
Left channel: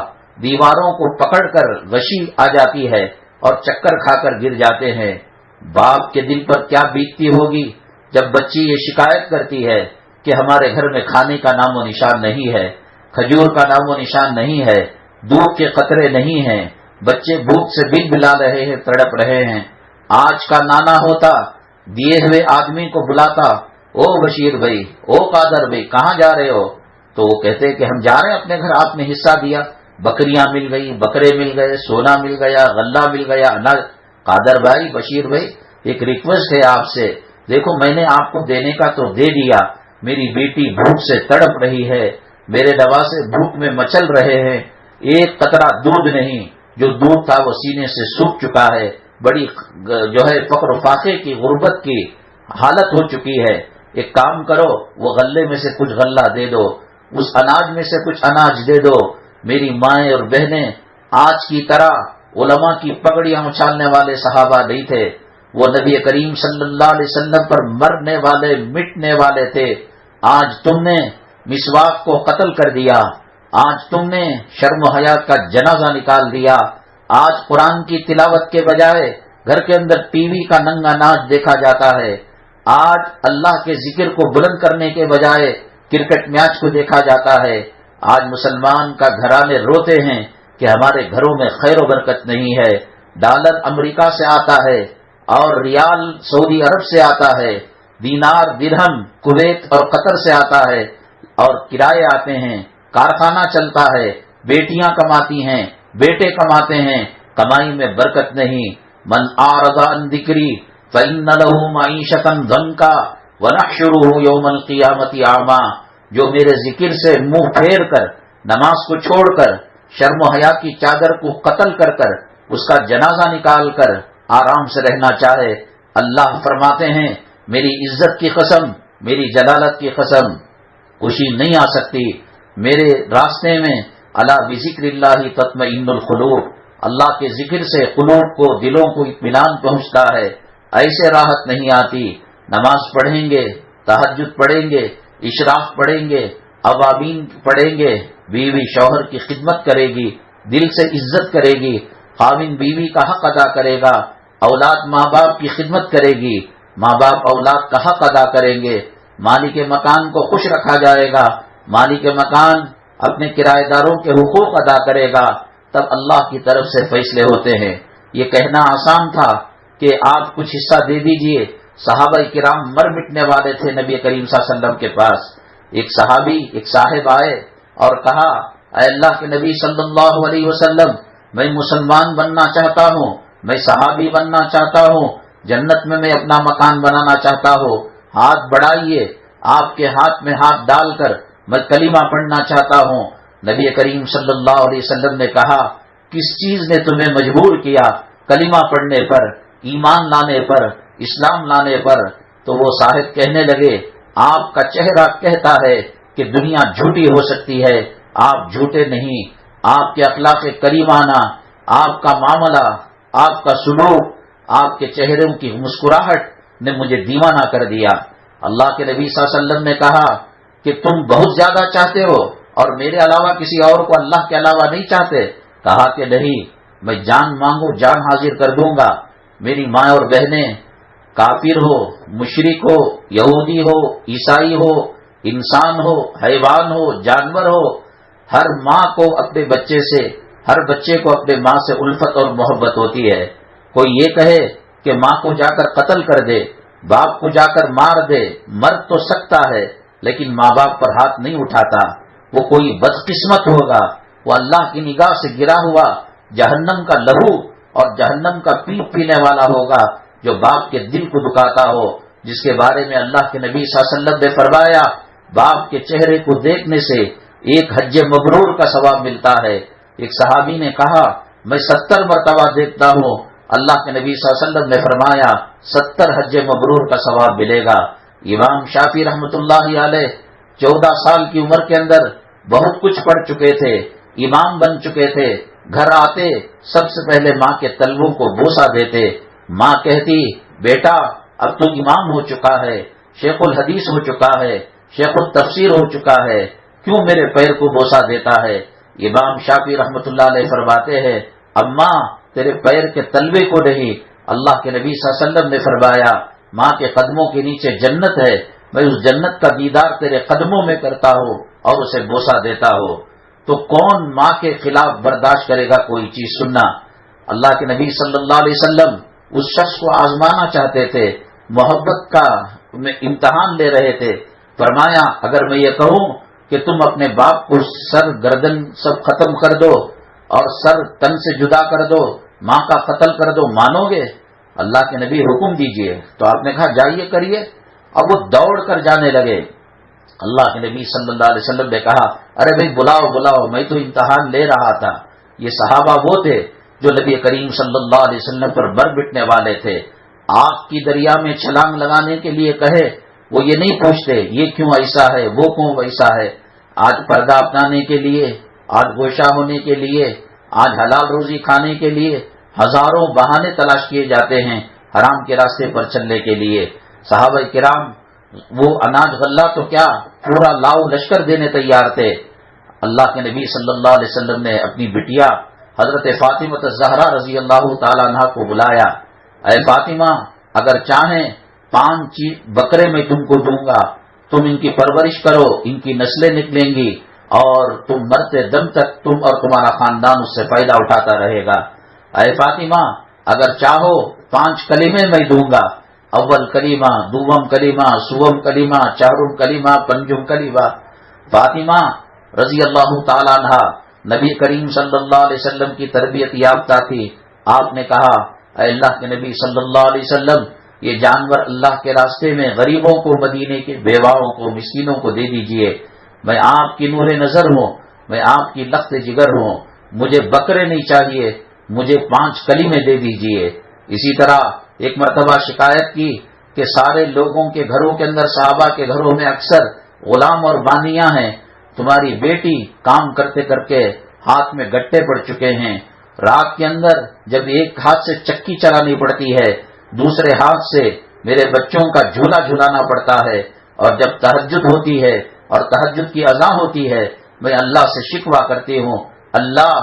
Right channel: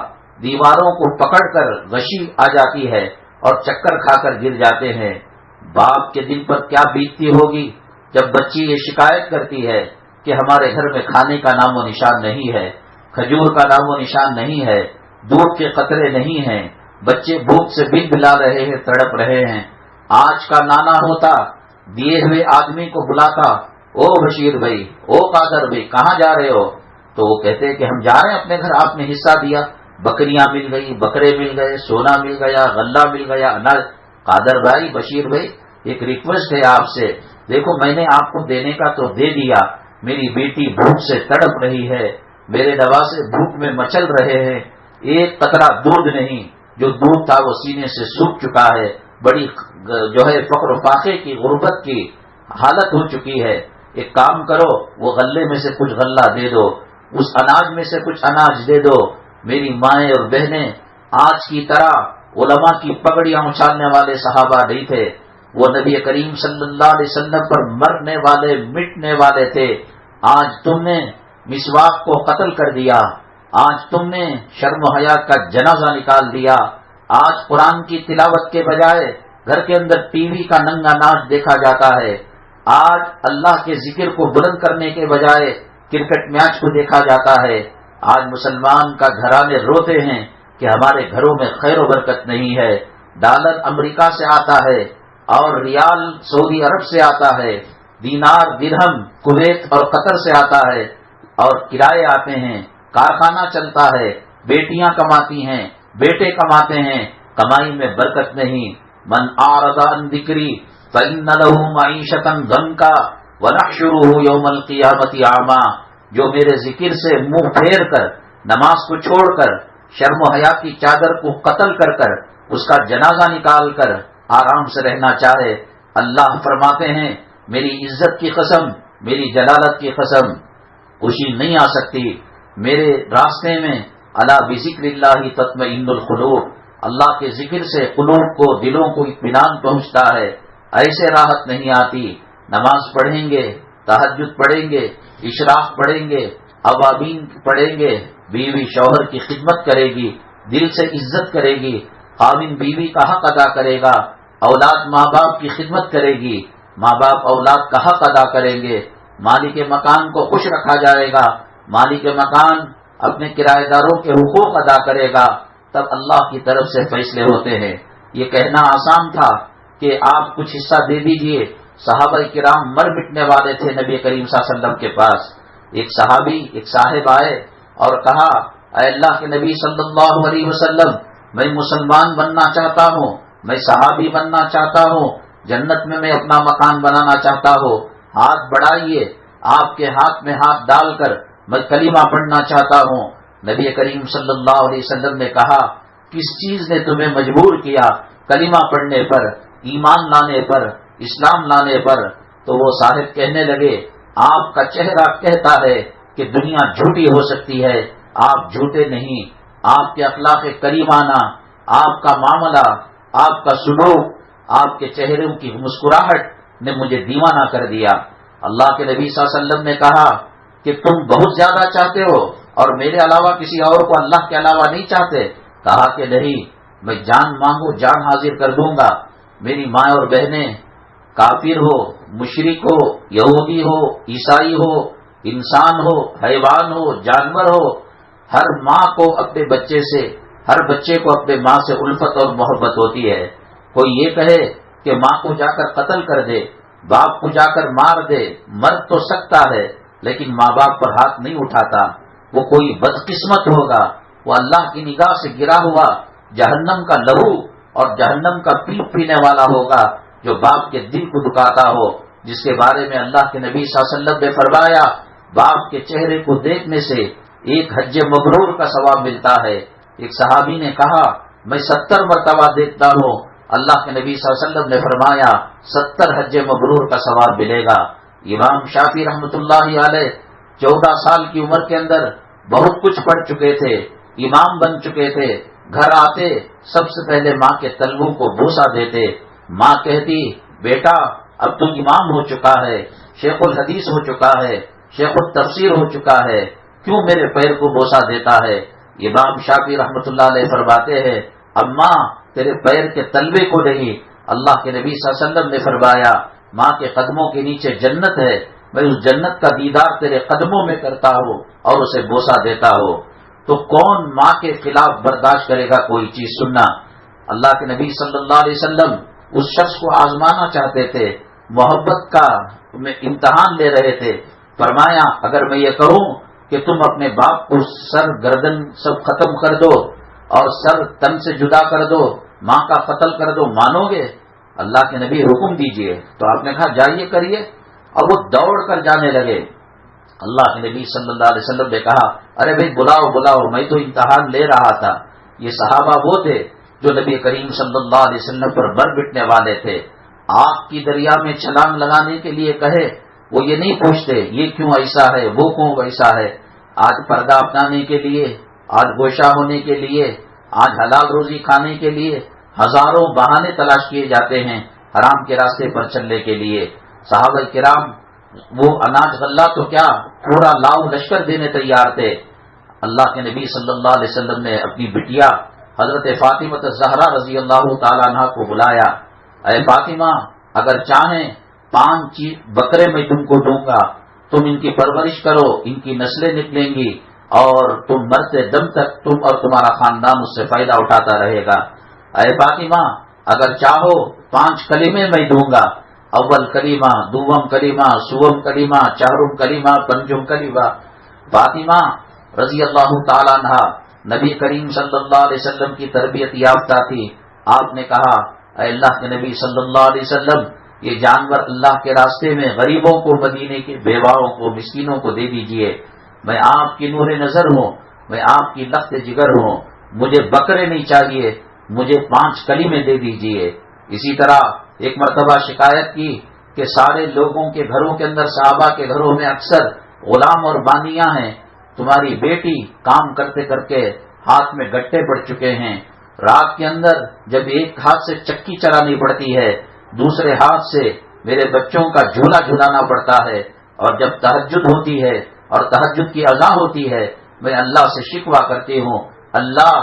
دیواروں کو پکڑ کر غشی آ جاتی ہے اور چکر کھا کر گر جاتے ہیں۔ باپ کے دل پر کیا بیتتی ہوگی جب بچی یہ شکایت کرتی ہے کہ ہمارے گھر میں کھانے کا نام و نشان نہیں ہے، کھجور کا نام و نشان نہیں ہے، دودھ کے قطرے نہیں ہیں، بچے بھوک سے بل بلا رہے ہیں، تڑپ رہے ہیں۔ آج کا نانا ہوتا دیے ہوئے آدمی کو بلاتا، او بشیر بھائی، او قادر بھائی کہاں جا رہے ہو؟ تو وہ کہتے کہ ہم جا رہے ہیں اپنے گھر، آپ نے حصہ دیا، بکریاں مل گئی، بکرے مل گئے، سونا مل گیا، غلہ مل گیا، اناج۔ قادر بھائی، بشیر بھائی، ایک ریکویسٹ ہے آپ سے، دیکھو میں نے آپ کو دینے کا تو دے دیا، میری بیٹی بھوک سے تڑپ رہی ہے، میرے نواسے بھوک میں مچل رہے ہیں، ایک قطرہ دودھ نہیں، جو دودھ تھا وہ سینے سے سوکھ چکا ہے، بڑی فقر و فاقے کی غربت کی حالت ہو چکی ہے، ایک کام کرو وہ غلے میں سے کچھ غلہ دے دو، اس اناج میں سے کچھ اناج دے دو۔ میری مائیں اور بہنیں آج کی طرح علماء کی پگڑیاں اچھالنے والے صحابہ نہیں تھے، وہ نبی کریم صلی اللہ علیہ وسلم پر مرنے والے مٹنے والے تھے، آج تم نے مسواک کو قتل کر دیا، آج تم نے شرم و حیا کا جنازہ نکال دیا، آج قرآن کی تلاوت کے بجائے گھر کے اندر ٹی وی کا ننگا ناچ دیکھا جاتا ہے، آج اللہ کے ذکر کو بلند کرنے کے بجائے کرکٹ میچ کو دیکھا جاتا ہے، آج مسلمان کا گھرانے روتے ہیں کہ ہمارے گھروں میں خیر و برکت نہیں ہے، ڈالر امریکہ سے آتا ہے اور ریال سعودی عرب سے آتا ہے، دینار درہم کویت اور قطر سے آتا ہے، اور کرائے آتے ہیں، کارخانہ چلتا ہے، بیٹیاں کماتی ہیں، بیٹے کماتے ہیں، کمائی میں برکت نہیں۔ من اعرض عن ذکری فإن له معیشة ضنکا ونحشره یوم القیامة اعما، جو میرے ذکر سے منہ پھیر کر، نماز کو چھوڑ کر، شرم و حیا کی چادر کو قتل کر کر، اس کا جنازہ نکال کر آرام سے رہنا چاہے، اللہ فرماتے ہیں میری عزت کی قسم، میری جلالت کی قسم، خوشی نہیں آ سکتی میرے راستے میں۔ الا بذکر اللہ تطمئن القلوب، اللہ کے ذکر سے قلوب کو، دلوں کو اطمینان پہنچتا ہے، ایسے راحت نہیں آتی۔ نماز پڑھیں گے، تہجد پڑھیں گے، اشراق پڑھیں گے، اوابین پڑھیں گے، بیوی شوہر کی خدمت کرے گی، دل سے عزت کرے گی، خاوند بیوی کا حق ادا کرے گا، اولاد ماں باپ کی خدمت کرے گی، ماں باپ اولاد کا حق ادا کریں گے، مالک مکان کو خوش رکھا جائے گا، مالک مکان اپنے کرایہ داروں کے حقوق ادا کرے گا، تب اللہ کی طرف سے فیصلے ہوتے ہیں۔ یہ کہنا آسان تھا کہ آپ کچھ حصہ دے دیجئے، صحابہ کرام مر مٹنے والے تھے نبی کریم صلی اللہ علیہ وسلم کے پاس۔ ایک صحابی، ایک صاحب آئے اور کہا اے اللہ کے نبی صلی اللہ علیہ وسلم، میں مسلمان بننا چاہتا ہوں، میں صحابی بننا چاہتا ہوں، جنت میں اپنا مکان بنانا چاہتا ہوں، ہاتھ بڑھائیے، آپ کے ہاتھ میں ہاتھ ڈال کر میں کلمہ پڑھنا چاہتا ہوں۔ نبی کریم صلی اللہ علیہ وسلم نے کہا کس چیز نے تمہیں مجبور کیا کلمہ پڑھنے پر، ایمان لانے پر، اسلام لانے پر؟ تو وہ صاحب کہنے لگے آپ کا چہرہ کہتا ہے کہ دنیا جھوٹی ہو سکتی ہے، آپ جھوٹے نہیں، آپ کے اخلاق کریمانہ، آپ کا معاملہ، آپ کا سلوک، آپ کے چہروں کی مسکراہٹ نے مجھے دیوانہ کر دیا۔ اللہ کے نبی صلی اللہ علیہ وسلم نے کہا کہ تم بہت زیادہ چاہتے ہو اور میرے علاوہ کسی اور کو اللہ کے علاوہ نہیں چاہتے؟ کہا کہ نہیں، میں جان مانگو جان حاضر کر دوں گا۔ میری ماں اور بہنیں کافر ہو، مشرک ہو، یہودی ہو، عیسائی ہو، انسان ہو، حیوان ہو، جانور ہو، ہر ماں کو اپنے بچے سے، ہر بچے کو اپنے ماں سے الفت اور محبت ہوتی ہے۔ کوئی یہ کہے کہ ماں کو جا کر قتل کر دے، باپ کو جا کر مار دے، مرد تو سکتا ہے لیکن ماں باپ پر ہاتھ نہیں اٹھاتا، وہ کوئی بدقسمت ہوگا، وہ اللہ کی نگاہ سے گرا ہوا جہنم کا لہو اور جہنم کا پینے والا ہوگا جو باپ کے دل کو دکھاتا ہو، جس کے بارے میں اللہ کے نبی صلی اللہ علیہ وسلم نے فرمایا باپ کے چہرے کو دیکھنے سے ایک حج مبرور کا ثواب ملتا ہے۔ ایک صحابی نے کہا میں 70 مرتبہ دیکھتا ہوں، اللہ کے نبی صلی اللہ علیہ وسلم نے فرمایا 70 حج مبرور کا ثواب ملے گا۔ امام شافعی رحمۃ اللہ علیہ 14 سال کی عمر کے اندر بہت کچھ پڑھ چکے تھے، امام بن چکے تھے، گھر آتے سب سے پہلے ماں کے تلووں کو بوسہ دیتے، ماں کہتی بیٹا اب تو امام ہو چکا ہے، شیخ الحدیث ہو چکا ہے، شیخ التفسیر ہو چکا ہے، کیوں میرے پیر کو بوسہ دیتا ہے؟ امام شافعی رحمۃ اللہ علیہ فرماتے ہیں اماں تیرے پیر کے تلوے کو نہیں، اللہ کے نبی صلی اللہ علیہ وسلم نے فرمایا ماں کے قدموں کے نیچے جنت ہے، میں اس جنت کا دیدار تیرے قدموں میں کرتا ہوں اور اسے بوسہ دیتا ہوں۔ تو کون ماں کے خلاف برداشت کرے گا کوئی چیز سننا؟ اللہ کے نبی صلی اللہ علیہ وسلم اس شخص کو آزمانا چاہتے تھے، محبت کا امتحان لے رہے تھے۔ فرمایا اگر میں یہ کہوں کہ تم اپنے باپ کو سر گردن سب ختم کر دو اور سر تن سے جدا کر دو، ماں کا قتل کر دو، مانو گے؟ اللہ کے نبی حکم دیجئے، تو آپ نے کہا جائیے کریے، اور وہ دوڑ کر جانے لگے۔ اللہ کے نبی صلی اللہ علیہ وسلم نے کہا ارے بھائی بلاؤ بلاؤ، میں تو امتحان لے رہا تھا۔ یہ صحابہ وہ تھے جو نبی کریم صلی اللہ علیہ وسلم پر بر بٹنے والے تھے، آگ کی دریا میں چھلانگ لگانے کے لیے کہے وہ یہ نہیں پوچھتے یہ کیوں ایسا ہے، وہ کیوں ویسا ہے۔ آج پردہ اپنانے کے لیے، آج گوشہ ہونے کے لیے، آج حلال روزی کھانے کے لیے ہزاروں بہانے تلاش کیے جاتے ہیں، حرام کے راستے پر چلنے کے لیے۔ صحابہ کرام وہ اناج غلہ تو کیا پورا لاؤ لشکر دینے تیار تھے۔ اللہ کے نبی صلی اللہ علیہ وسلم نے اپنی بٹیا حضرت فاطمہ الزہرا رضی اللہ تعالیٰ عنہ کو بلایا، اے فاطمہ اگر چاہیں 5 بکرے میں تم کو دوں گا، تم ان کی پرورش کرو، ان کی نسلیں نکلیں گی اور تم مرتے دم تک تم اور تمہارا خاندان اس سے فائدہ اٹھاتا رہے گا۔ اے فاطمہ اگر چاہو 5 کلمے میں دوں گا، اول کلمہ، دوم کلمہ، سوم کلمہ، چہرم کلمہ، پنجم کلمہ۔ فاطمہ رضی اللہ تعالیٰ عنہ نبی کریم صلی اللہ علیہ وسلم کی تربیت یافتہ تھی۔ آپ نے کہا اے اللہ کے نبی صلی اللہ علیہ وسلم یہ جانور اللہ کے راستے میں غریبوں کو، مدینے کے بیواؤں کو، مسکینوں کو دے دیجئے۔ میں آپ کی نور نظر ہوں، میں آپ کی لخت جگر ہوں، مجھے بکرے نہیں چاہیے، مجھے 5 کلمے دے دیجئے۔ اسی طرح ایک مرتبہ شکایت کی کہ سارے لوگوں کے گھروں کے اندر، صحابہ کے گھروں میں اکثر غلام اور بانیاں ہیں، تمہاری بیٹی کام کرتے کرتے ہاتھ میں گٹے پڑ چکے ہیں، رات کے اندر جب ایک ہاتھ سے چکی چلانی پڑتی ہے، دوسرے ہاتھ سے میرے بچوں کا جھولا جھلانا پڑتا ہے، اور جب تہجد ہوتی ہے اور تہجد کی اذان ہوتی ہے میں اللہ سے شکوہ کرتی ہوں، اللہ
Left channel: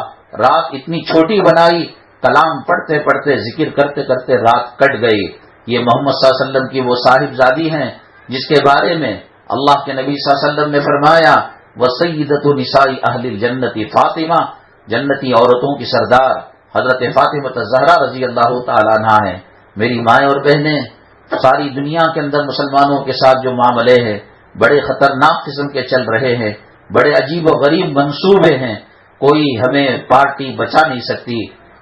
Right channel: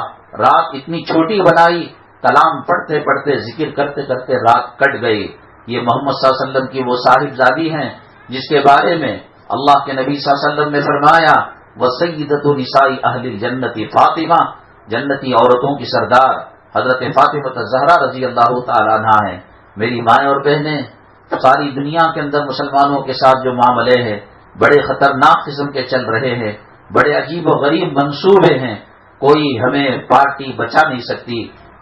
رات اتنی چھوٹی بنائی، کلام پڑھتے پڑھتے ذکر کرتے کرتے رات کٹ گئی۔ یہ محمد صلی اللہ علیہ وسلم کی وہ صاحبزادی ہیں جس کے بارے میں اللہ کے نبی صلی اللہ علیہ وسلم نے فرمایا وَسَيِّدَةُ نِسَاءِ أَهْلِ الْجَنَّةِ فاطمہ، جنتی عورتوں کی سردار حضرت فاطمہ الزہرا رضی اللہ تعالیٰ عنہ ہیں۔ میری مائیں اور بہنیں، ساری دنیا کے اندر مسلمانوں کے ساتھ جو معاملے ہیں بڑے خطرناک قسم کے چل رہے ہیں، بڑے عجیب و غریب منصوبے ہیں، کوئی ہمیں پارٹی بچا نہیں سکتی،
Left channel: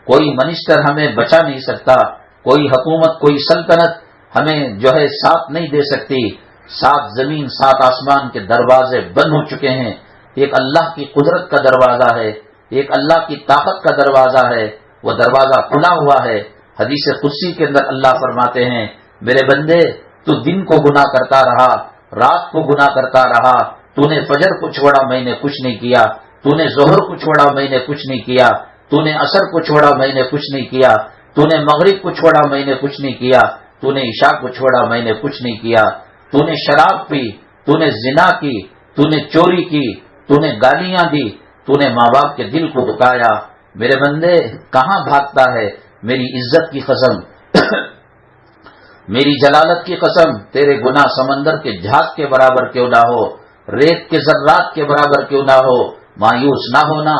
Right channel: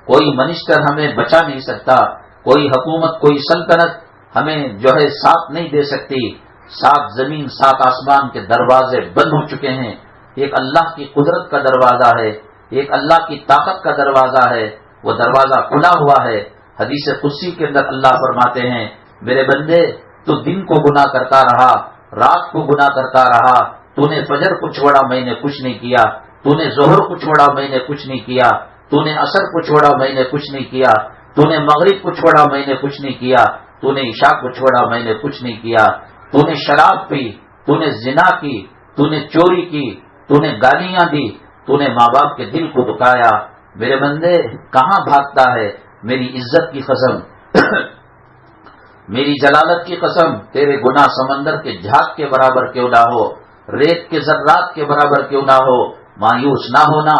کوئی منسٹر ہمیں بچا نہیں سکتا، کوئی حکومت، کوئی سلطنت ہمیں جو ہے ساتھ نہیں دے سکتی۔ 7 زمین 7 آسمان کے دروازے بند ہو چکے ہیں، ایک اللہ کی قدرت کا دروازہ ہے، ایک اللہ کی طاقت کا دروازہ ہے، وہ دروازہ کھلا ہوا ہے۔ حدیث قدسی کے اندر اللہ فرماتے ہیں میرے بندے تو دن کو گناہ کرتا رہا، رات کو گناہ کرتا رہا، تو نے فجر کو چھوڑا میں نے کچھ نہیں کیا، تو نے ظہر کو چھوڑا میں نے کچھ نہیں کیا، تو نے عصر کو چھوڑا میں نے کچھ نہیں کیا، تو نے مغرب کو چھوڑا میں نے کچھ نہیں کیا، تو نے عشاء کو چھوڑا میں نے کچھ نہیں کیا، تو نے شراب پی، تو نے زنا کی، تو نے چوری کی، تو نے گالیاں دی، تو نے ماں باپ کے دل کو دکھایا۔ میرے بندے کہاں بھاگتا ہے؟ میری عزت کی قسم میری جلالت کی قسم، تیرے گناہ سمندر کے جھاگ کے برابر کیوں نہ ہو، ریت کے ذرات کے برابر کیوں نہ ہو، مایوس نہ ہونا،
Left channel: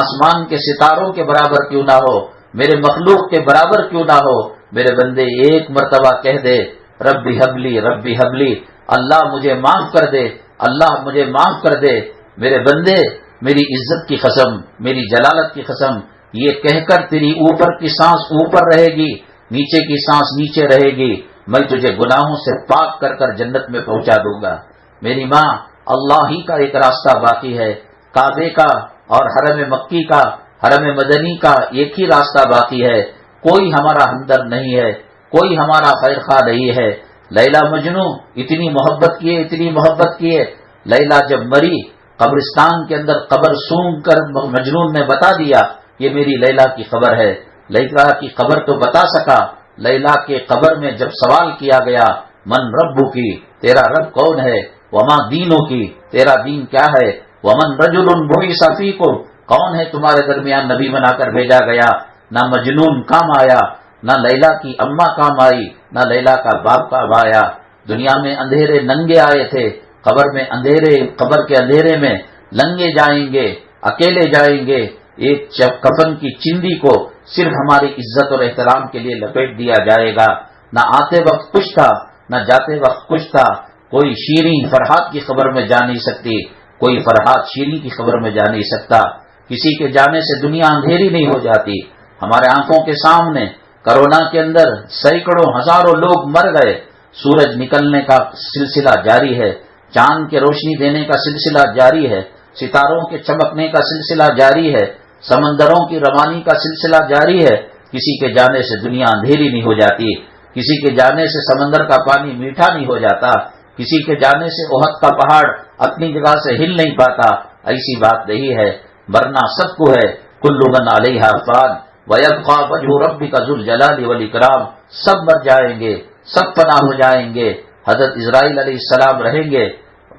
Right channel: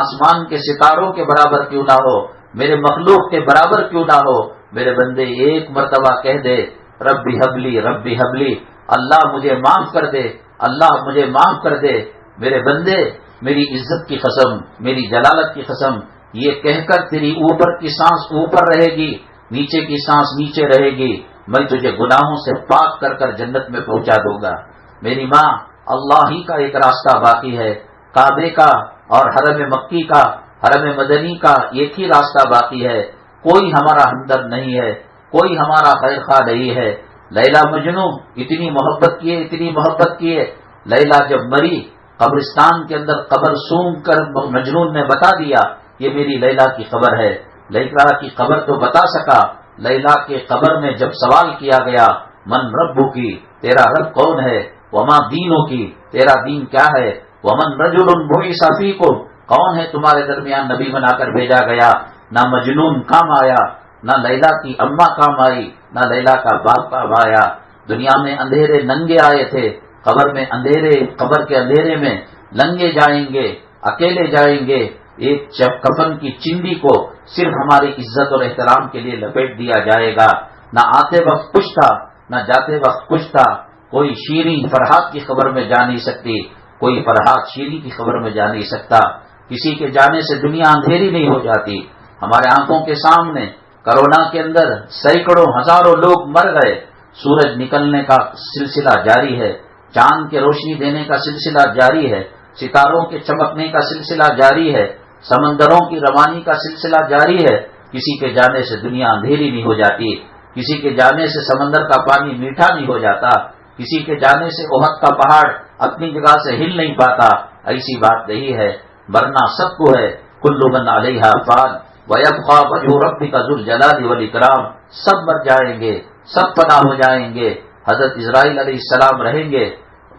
آسمان کے ستاروں کے برابر کیوں نہ ہو، میرے مخلوق کے برابر کیوں نہ ہو۔ میرے بندے ایک مرتبہ کہہ دے ربی حبلی ربی حبلی، اللہ مجھے معاف کر دے، اللہ مجھے معاف کر دے۔ میرے بندے میری عزت کی قسم، میری جلالت کی قسم، یہ کہہ کر تیری اوپر کی سانس اوپر رہے گی، نیچے کی سانس نیچے رہے گی، میں تجھے گناہوں سے پاک کر کر جنت میں پہنچا دوں گا۔ میری ماں، اللہ ہی کا ایک راستہ باقی ہے، کعبے کا اور حرم مکی کا، حرم مدنی کا ایک ہی راستہ باقی ہے، کوئی ہمارا ہمدرد نہیں ہے، کوئی ہمارا خیر خواہ نہیں ہے۔ لیلا مجنوں اتنی محبت کیے، اتنی محبت کیے، لیلا جب مری قبرستان کے اندر قبر سونگ کر مجنون نے بتا دیا یہ میری لیلا کی قبر ہے۔ لیلا کی قبر تو بتا سکا، لیلا کے قبر میں جب سوال کیا گیا من ربو کی، تیرا رب کون ہے، وما دینوں کی، تیرا دین کیا ہے، ومن رجل بعث فیکم، کون ہے تمہارے درمیان نبی بنا کر بھیجا گیا، نہ مجنون کام آیا، نہ لیلا کی اماں کام آئی، نہ لیلا کا باپ کام آیا۔ دنیا میں اندھیرے ننگے آئے تھے، قبر میں اندھیرے، قبر کے اندھیرے میں لنگے جائیں گے، اکیلے جائیں گے۔ ایک کفن کی چندی کو صرف ہماری عزت اور احترام کے لیے لپیٹ دیا جائے گا، نہ آتے وقت کچھ تھا نہ جاتے وقت کچھ تھا۔ کوئی شیریں فرحات کی خبر میں جا نہیں سکتی، کوئی فرحات شیریں کی خبر میں جا نہیں سکتا۔ کسی کے جانے سے دنیا اندھیری نہیں ہو جاتی۔ ہمارے آنکھوں کے سامنے کرونا کے اندر سینکڑوں ہزاروں لوگ مر گئے، سورج نکلنے کا سلسلہ جاری ہے، چاند کے روشنی دینے کا سلسلہ جاری ہے، ستاروں کے چمکنے کا سلسلہ جاری ہے، سمندروں کی روانی کا سلسلہ جاری ہے۔ کسی کے جانے سے دنیا اندھیری نہیں ہو جاتی، کسی کے جانے سے سمندر کا پانی میٹھا نہیں ہو جاتا، کسی کے جانے سے احد کا پہاڑ اپنی جگہ سے ہل نہیں پاتا۔ ایسی بات نہیں ہے، مرنا سب کو ہے، کل من علیہا فان، وَيَبْقَى وَجْهُ رَبِّكَ ذُو الْجَلَالِ وَالْإِكْرَامِ، سب مر جائیں گے، سب فنا ہو جائیں گے، حضرت اسرائیل علیہ السلام رہیں گے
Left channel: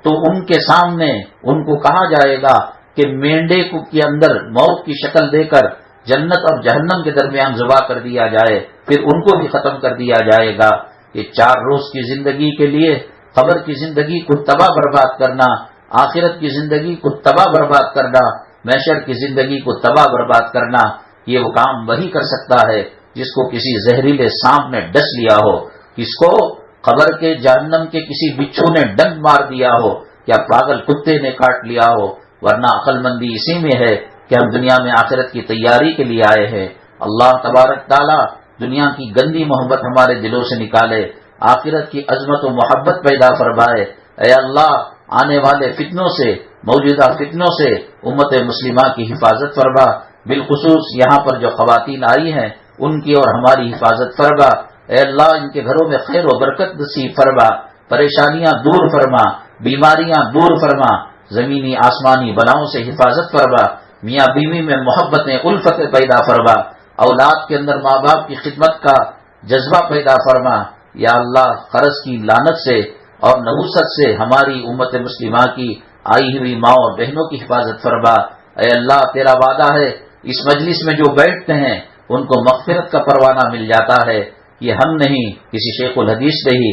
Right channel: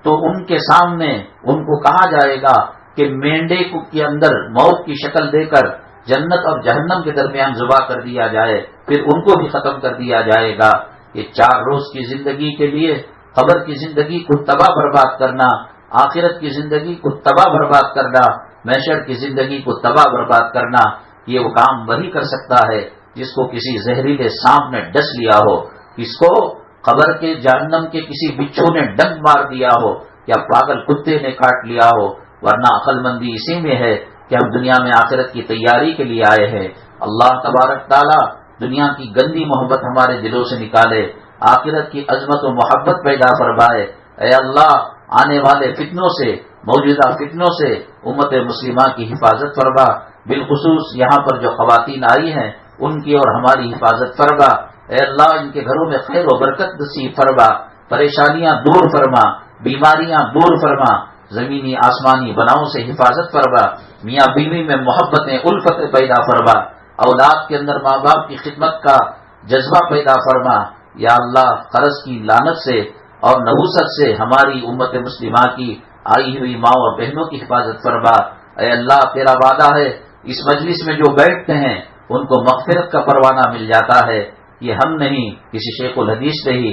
تو ان کے سامنے ان کو کہا جائے گا کہ مینڈے کے اندر موت کی شکل دے کر جنت اور جہنم کے درمیان ذبح کر دیا جائے، پھر ان کو بھی ختم کر دیا جائے گا۔ یہ 4 روز کی زندگی کے لیے قبر کی زندگی کو تباہ برباد کرنا، آخرت کی زندگی کو تباہ برباد کرنا، محشر کی زندگی کو تباہ برباد کرنا، یہ وہ کام وہی کر سکتا ہے جس کو کسی زہریلے سانپ نے ڈس لیا ہو، کس کو قبر کے جہنم کے کسی بچھو نے ڈنک مار دیا ہو یا پاگل کتے نے کاٹ لیا ہو، ورنہ عقل مندی اسی میں ہے کہ ہم دنیا میں آخرت کی تیاری کے لیے آئے ہیں۔ اللہ تبارک تعالیٰ دنیا کی گندی محبت ہمارے دلوں سے نکالے، آخرت کی عظمت و محبت پیدا فرمائے۔ اے اللہ، آنے والے فتنوں سے، موجودہ فتنوں سے امت مسلمہ کی حفاظت فرما، بالخصوص یہاں پر جو خواتین آئی ہیں ان کی اور ہماری حفاظت فرما۔ اے اللہ، ان کے گھروں میں خیر و برکت نصیب فرما، پریشانیاں دور فرما، بیماریاں دور فرما، زمینی آسمانی بلاؤں سے حفاظت فرما، میاں بیوی میں محبتیں الفتیں پیدا فرما، اولاد کے اندر ماں باپ کی خدمت کا جذبہ پیدا فرما۔ یا اللہ، قرض کی لعنت سے اور نحوست سے ہماری امت مسلمہ کی آئی ہوئی ماں اور بہنوں کی حفاظت فرما۔ اے اللہ، تیرا وعدہ ہے اس مجلس میں جو بیٹھتے ہیں ان کو مغفرت کا پروانہ مل جاتا ہے۔ یہ ہم نہیں، کسی شیخ الحدیث نے ہی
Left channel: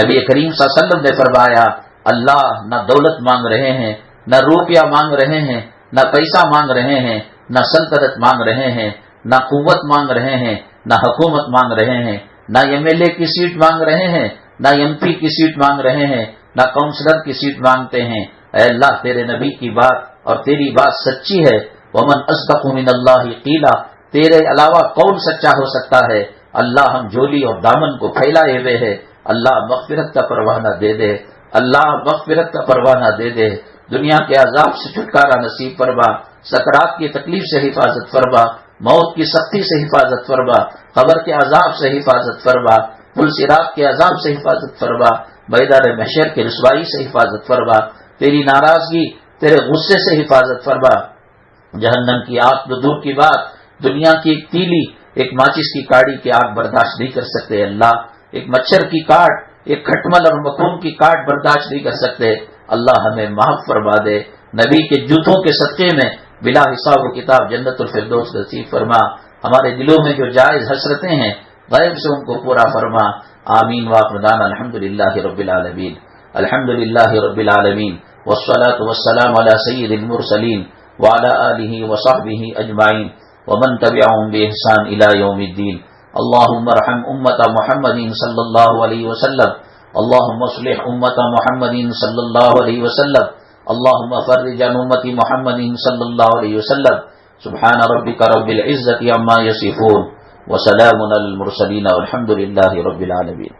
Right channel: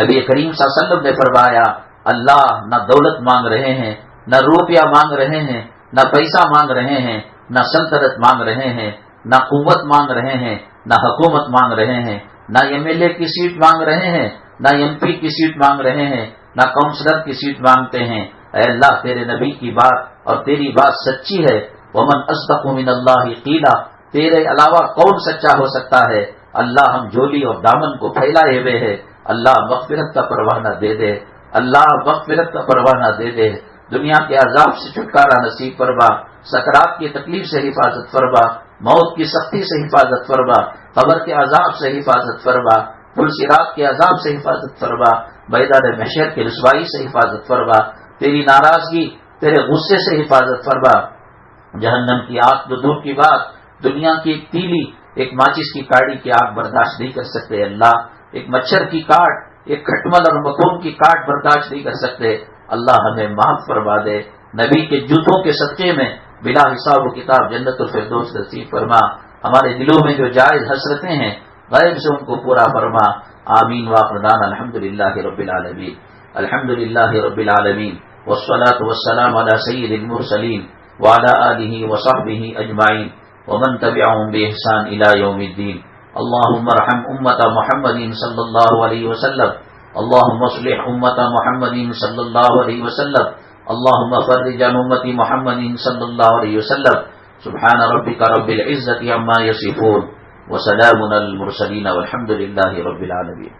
نبی کریم صلی اللہ علیہ وسلم نے فرمایا، اللہ نہ دولت مانگ رہے ہیں، نہ روپیہ مانگ رہے ہیں، نہ پیسہ مانگ رہے ہیں، نہ سلطنت مانگ رہے ہیں، نہ قوت مانگ رہے ہیں، نہ حکومت مانگ رہے ہیں، نہ ایم ایل اے کی سیٹ مانگ رہے ہیں، نہ ایم پی کی سیٹ مانگ رہے ہیں، نہ کونسلر کی سیٹ مانگتے ہیں۔ اے اللہ، تیرے نبی کی بات اور تیری بات سچی ہے۔ ومن اصدق من اللہ قیلا، تیرے علاوہ کون سچا ہو سکتا ہے؟ اللہ، ہم جھولی اور دامن کو پھیلائے ہوئے ہیں، اللہ مغفرت کا پروانہ دے دے، اللہ مغفرت کا پروانہ دے دے، دنیا کے عذاب سے چھٹکارا نصیب فرما، سکرات کی تکلیف سے حفاظت فرما، موت کی سختی سے حفاظت فرما، قبر کے عذاب سے حفاظت فرما، پل صراط کے عذاب سے حفاظت فرما، میدان محشر کی رسوائی سے حفاظت فرما، تیری ناراضگی، تیرے غصے سے حفاظت فرما، جہنم کی آگ تو دور کی بات، دنیا کی ایک تیلی، ایک ماچس کی کاڑی کی آگ برداشت نہیں کر سکتے اللہ، ایک مچھر کی کاٹ، ایک کھٹمل اور مکون کی کاٹ برداشت نہیں کر سکتے۔ اللہ ہمیں معاف فرما دے، نبی کے جوتوں کے صدقے میں بلا حساب و کتاب جنت الفردوس نصیب فرما، ہمارے دلوں میں جو جائز حسرتیں ہیں غیب سے ان کو پورا فرما۔ آمین وآخر دعوانا الحمدللہ رب العالمین، الحمدللہ رب العالمین، والصلاة والسلام علی سید المرسلین وعلی آلہ وصحبہ اجمعین ومن تبعهم بإحسان إلى يوم الدين۔ اللهم ارحم امت محمد صلی اللہ علیہ وسلم، اللهم اصلح امت محمد صلی اللہ علیہ وسلم، اللهم فرج عن امت محمد صلی اللہ علیہ وسلم۔ سبحان ربک رب العزة عما یصفون وسلام علی المرسلین والحمد للہ رب العالمین۔